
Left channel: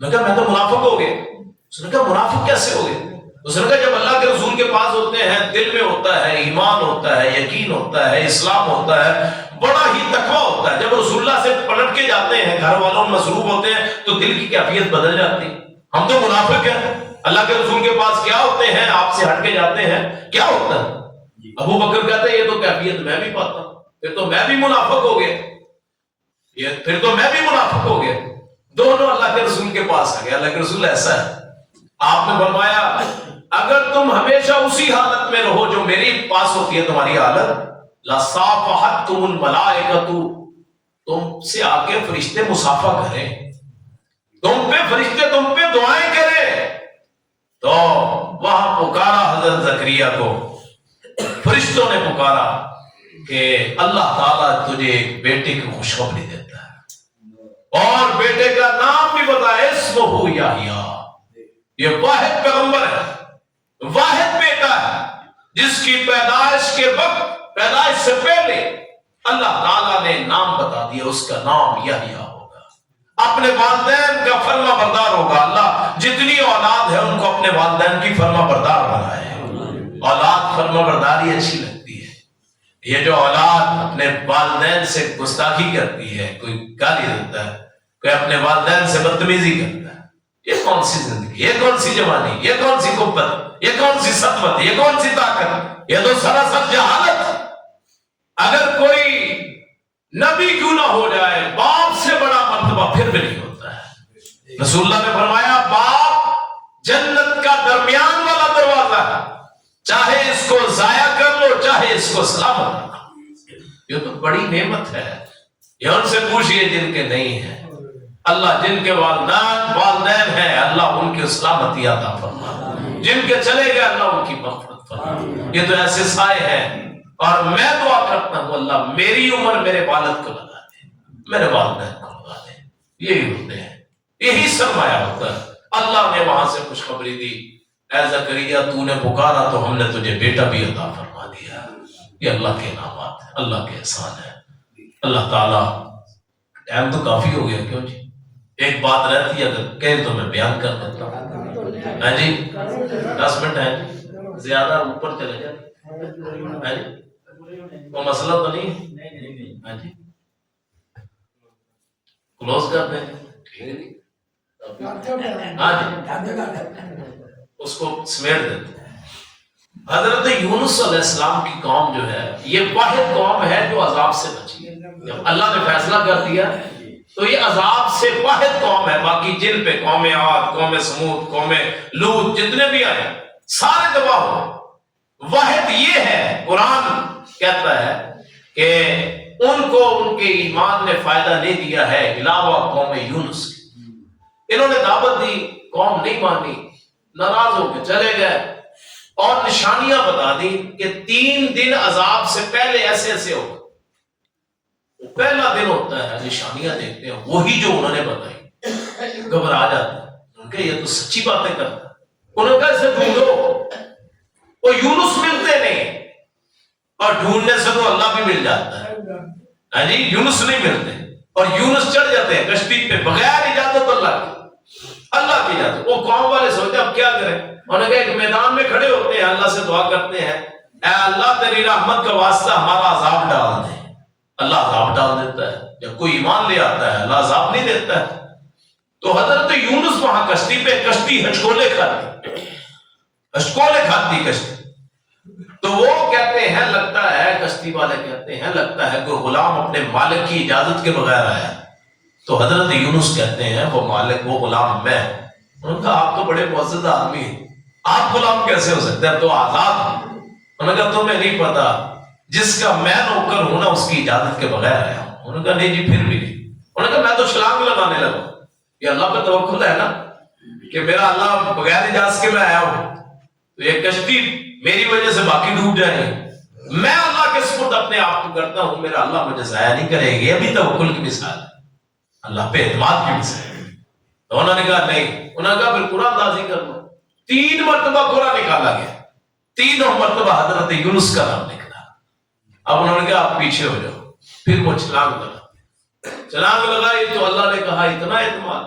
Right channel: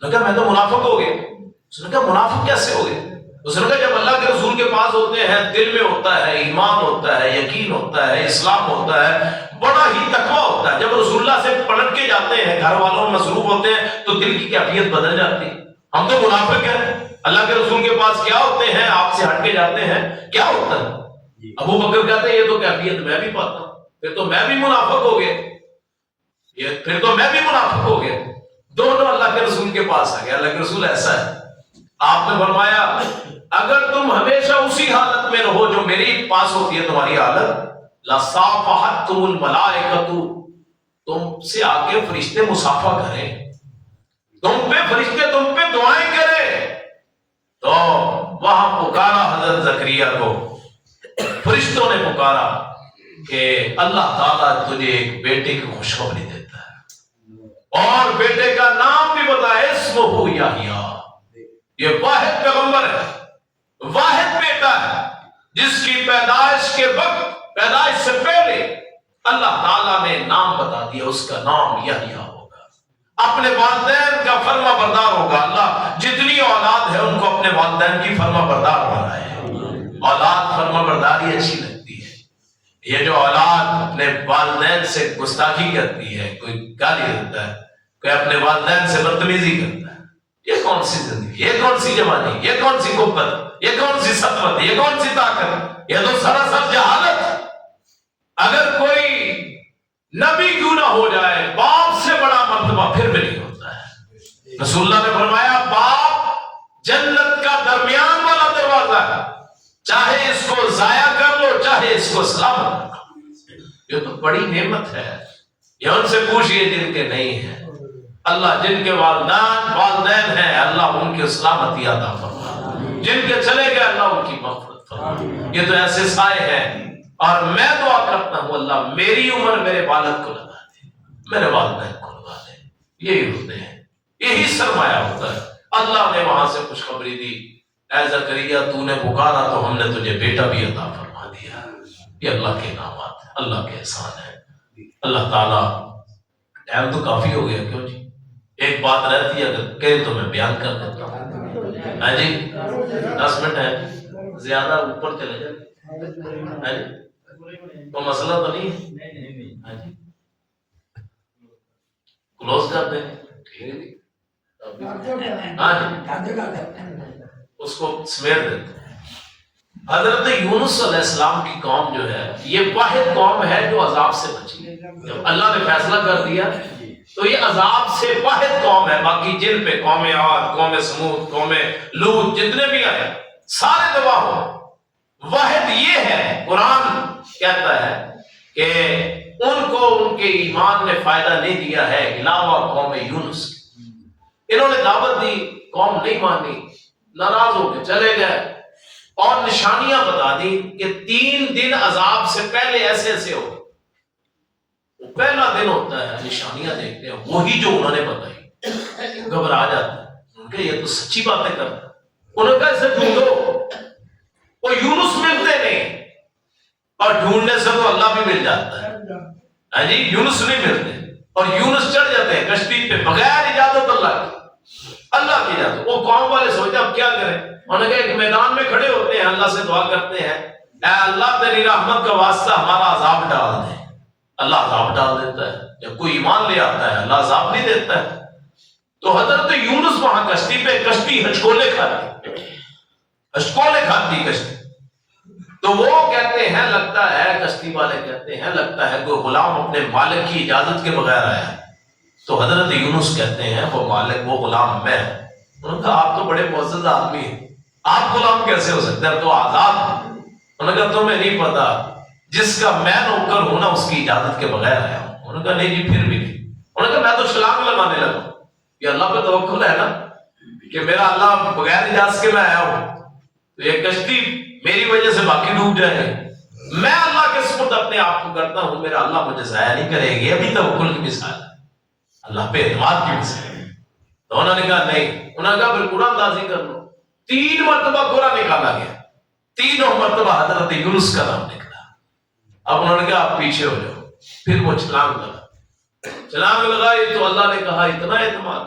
نے کہا میں تو منافق ہو گیا۔ اس نے کہا منافق کیسے ہو گئے؟ اس نے کہا جب اللہ کے رسول کے پاس ہوتے ہیں دل میں ہوتا ہے ایمان، ہوتا ہے یقین، ہوتا ہے اسلام، ہوتا ہے بڑا ہی تقویٰ ہوتا ہے، جب رسول اللہ سے پلٹ کے جاتے ہیں، گھر والوں میں مصروف ہوتے ہیں تو دل کی کیفیت بدل جاتی۔ ہم تو منافق ہیں، اللہ کے رسول کے پاس کیا ہوتے ہیں، آپ سے ہٹ کے جاتے ہیں، کیا ہوتا ہے؟ ابو بکر کہتے ہیں یہ تو کیفیت میں بھی پاتا ہوں، پھر تو میں بھی منافق ہو گیا، پھر تو میں بھی منافق ہو گیا۔ دونوں اللہ کے رسول کے پاس آ گئے. اللہ کے رسول ایسا ہے. آپ نے فرمایا اگر تم ہمیشہ اسی حالت میں رہو جو میری پاس ہوتی ہے تمہاری حالت، لَصَافَحَتْكُمُ الْمَلَائِكَةُ، تم سے آ کے فرشتے مصافحہ کریں، تم پہ فرشتے تم پہ دعائیں کریں. تو وہاں پکارا حضرت زکریا کو، فرشتوں نے پکارا کہ اللہ تعالیٰ تجھے ایک بیٹے کی خوشخبری دیتا ہے، اور بیٹے کا نام بھی بتایا، اسمہ یحییٰ. یہ واحد پیغمبر ہے، واحد بیٹا ہے جس کی پیدائش کے وقت، پیدائش سے پہلے اللہ تعالیٰ نے نام بتا دیا، اس کا نام یحییٰ ہوگا، اپنے والدین کا فرما بردار ہوگا. اللہ جتنی اولاد ہے ان کو اپنے والدین کی فرما بردار بنائے. اولاد فرما برداری اچھی لگتی ہے. یہ جو اولاد اپنے والدین سے گستاخی کرتی ہے، کوئی گالی دیتا ہے، کوئی اپنے والدین سے بدتمیزی کرتا ہے، یہ کون سی زندگی، یہ کون سی جوانی، یہ کون سی قوت، یہ کون سی سطوت، یہ کون سی طاقت؟ یہ تو سراسر جہالت. اگر کوئی نبی کیوں نہ ہو جائے، باپ سے بڑا مرتبہ پھر بھی نہیں ہوتا ہے. رسول اللہ نے فرمایا باپ جنت کا درمیان والا دروازہ ہے، چاہے اس کو ضائع کر لو چاہے اس کو سلامت رکھو. یہ تو بڑی نعمت ہے. یہ ان سے پوچھئے جن کے نہیں ہیں. اللہ جن کے والدین ہیں اللہ ان کی سلامتی عطا فرما، جن کے چلے گئے اللہ ان کی مغفرت فرما. یہ تو ایسے سائے ہیں. اور میں دعا کرتا ہوں اللہ میری عمر میرے والد کو لگا دے، میرے والدین کو لگا دے. یہی ہوتے ہیں، یہی سرمایہ ہوتا ہے. اللہ نے وہاں سے خوشخبری دی، اے زکریا تو نے پکارا تو ہم نے تجھے بیٹا بھی عطا فرما دیا. یہ اللہ کے انعامات ہیں، اللہ کے احسان ہے. اللہ تعالیٰ، ٹائم تو کافی ہو گیا کیوں جی؟ ایک بات رہتی ہے اگر کہیں تو میں بیان کر دیتا ہوں. ہاں جی 10 منٹ ہے، زیادہ اوپر چلے جائے. وہ مسئلہ تو نہیں ہے؟ ہاں جی کلوز کر دیں. ہاں جی اس کو سمیٹ دیتے ہیں. حضرت یونس علیہ السلام کی قوم جو ہے یہ واحد قوم ہے جو عذاب سے بچی ہے. جب اللہ نے فیصلہ کر دیا تو یہ عذاب سے واحد قوم ہے. باقی جن پہ قوم عاد، قوم سمود، قوم لوط جتنے بھی آئے سارے تباہ ہو. واحد یہ ہے، قرآن کہتا ہے کہ ان کو ان کے ایمان نے فائدہ نہیں دیا ہے علاوہ قوم یونس کے. انہوں نے دعوت دی، قوم نہیں مانی، ناراض ہو کے چلے گئے اور نشانیاں بتا دی کہ 3 دن عذاب سے پہلے ایسے ایسے ہو. وہ پہلا دن ہوتا ہے نشانیاں دیکھتے ہیں، وہی جو انہوں نے بتائی، گھبرا جاتا ہے. ان کے یہ تو سچی باتیں کرتا ہے. انہوں نے کیسے ڈھونڈو، وہ یونس ملتے نہیں، اور ڈھونڈنے سے تو اللہ بھی مل جاتا ہے. ہاں جی یونس نہیں ملتے اور یونس چڑھ جاتے ہیں کشتی پہ بغیر اجازت اللہ کی اجازت. وہ قوم والے سوچتے اب کیا کریں. انہوں نے کہا ایک میدان میں کھڑے ہوتے ہیں، اللہ سے دعا کرتے ہیں اے اللہ تیری رحمت کا واسطہ ہمارا عذاب ڈال دے. اللہ عذاب ڈال دیتا ہے. جب کوئی ایمان لے آتا ہے اللہ عذاب نہیں دیتا ہے. تو حضرت یونس وہاں کشتی پہ، کشتی ہچکولے کھاتی کشتی. تو وہ کہتے ہیں لگتا ہے، کشتی والے کہتے ہیں لگتا ہے کوئی غلام اپنے مالک کی اجازت کے بغیر آیا. تو حضرت یونس کہتے ہیں وہ مالک، وہ غلام میں. انہوں نے کہا آپ تو بڑے معزز آدمی ہیں، آپ غلام کیسے ہو سکتے ہیں، تو آزاد ہیں. انہوں نے کہا تمہیں نہیں پتا جس کا میں نوکر ہوں نا اس کی اجازت کے بغیر آیا ہوں. انہوں نے کہا نہیں جی پھر بھی نہیں. انہوں نے کہا میں تو چھلانگ لگانے لگا. یہ اللہ پہ توکل ہے نا کہ میرا اللہ بغیر اجازت کے میں آیا ہوں تو یہ کشتی میری وجہ سے باقی ڈوب جائیں گے. میں اللہ کے سپرد اپنے آپ کو کرتا ہوں، میرا اللہ مجھے ضائع نہیں کرے گی. ابھی توکل کی مثال ہے، اللہ پہ اعتماد کی مثال ہے. تو انہوں نے کہا نہیں. انہوں نے کہا پھر قرآن نازل کر لو. 3 مرتبہ قرآن نکالا گیا، 3 مرتبہ حضرت یونس کا نام نکلا. اب انہوں نے کہا آپ پیچھے ہو جاؤ. پھر وہ چھلانگ لگائی تو اللہ نے کہا اتنا اعتماد،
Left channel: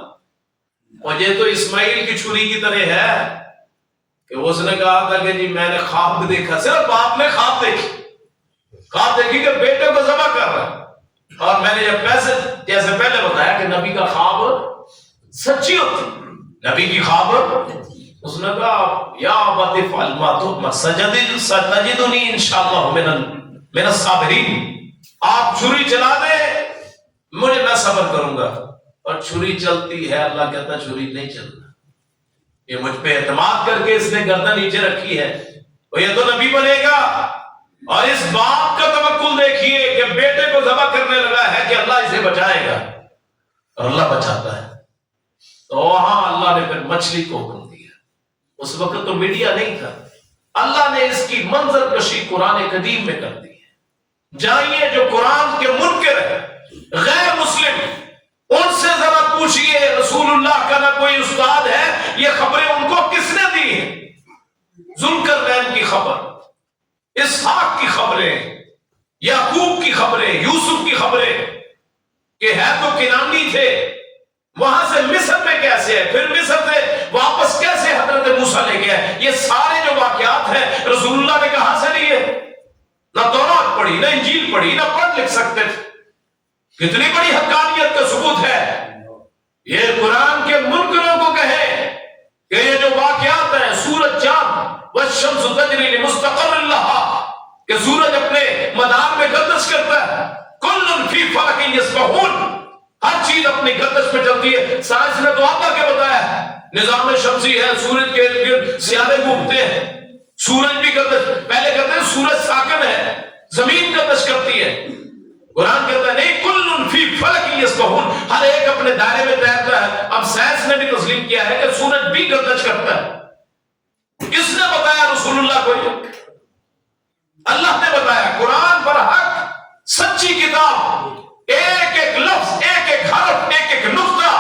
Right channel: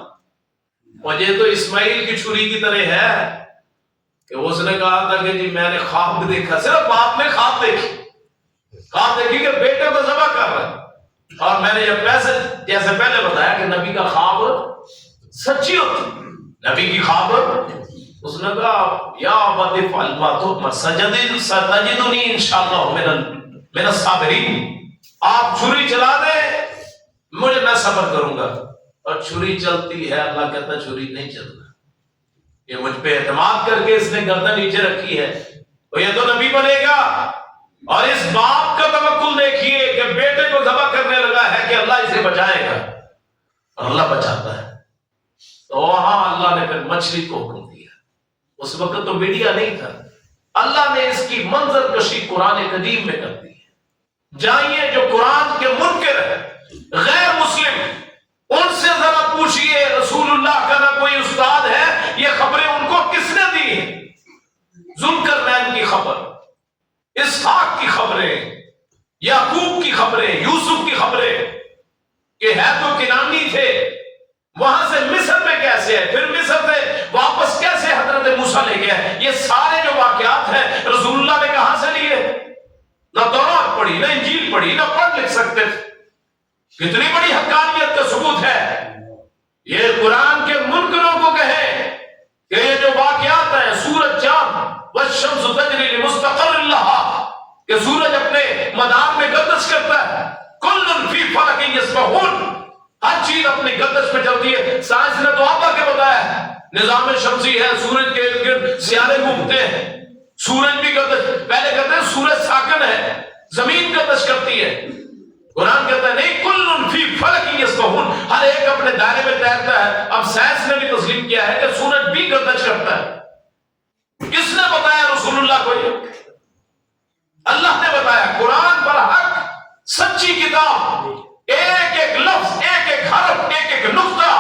مجھے تو اسماعیل کی چھری کی طرح ہے کہ اس نے کہا تھا کہ جی میں نے خواب دیکھا. صرف باپ نے خواب دیکھی کہ بیٹے کو ذبح کر رہا ہے. اور میں نے جیسے پہلے بتایا کہ نبی کا خواب سچی ہوتی، نبی کی خواب. اس نے کہا یا ابت افعل ما تؤمر ستجدنی انشاءاللہ من الصابرین. آپ چھری چلا دیں، میں صبر کروں گا. اور چھری چلتی ہے، اللہ کہتا ہے چھری نہیں چلنا، یہ مجھ پہ اعتماد کر کے اس نے گردن نیچے رکھی ہے، وہ یہ تو نبی بنے گا۔ اور اس باپ کا توکل دیکھیے کہ بیٹے کو ذبح کرنے لگا ہے کہ اللہ اسے بچائے گا، اور اللہ بچاتا ہے۔ تو وہاں اللہ نے پھر مچھلی کو حکم دیا، اس وقت تو میڈیا نہیں تھا، اللہ نے اس کی منظر کشی قرآن قدیم میں کر دی ہے۔ جائیے جو قرآن کے منکر ہے، غیر مسلم، ان سے ذرا پوچھئے رسول اللہ کا نہ کوئی استاد ہے، یہ خبریں ان کو کس نے دی ہیں؟ ذوالقرنین کی خبر، اسحاق کی خبریں، یعقوب کی خبریں، یوسف کی خبریں، کہ ہے تو کنانی تھے، وہاں سے مصر میں کیسے ہے، پھر مصر سے واپس کیسے حضرت موسیٰ لے گیا، یہ سارے جو واقعات ہیں رسول اللہ نے کہاں سے لیے؟ نہ تورات پڑھی، نہ انجیل پڑھی، نہ پڑھ لکھ سکتے تھے۔ کتنی بڑی حقانیت کا ثبوت ہے۔ یہ قرآن کے منکروں کو کہے کہ یہ جو واقعات ہیں، سورج چاند والشمس تجری لمستقر لہا، کہ سورج اپنے مدار میں گردش کرتا ہے، کل فی فلک یسبحون، ہر چیز اپنی گردش میں چلتی ہے۔ سائنس نے تو آتا کے بتایا نظام شمسی ہے، سورج کے ارد گرد سیارے گھومتے ہیں، سورج بھی گردش، پہلے کہتے ہیں سورج ساکن ہے، زمین گردش کرتی ہے، قرآن کہتا ہے نہیں، کل فی فلک یسبحون، ہر ایک اپنے دائرے میں تیرتا ہے۔ اب سائنس نے بھی تسلیم کیا ہے کہ سورج بھی گردش کرتا ہے۔ کس نے بتایا رسول اللہ کو؟ اللہ نے بتایا۔ قرآن پر حق، سچی کتاب، ایک ایک لفظ، ایک ایک حرف، ایک ایک نقطہ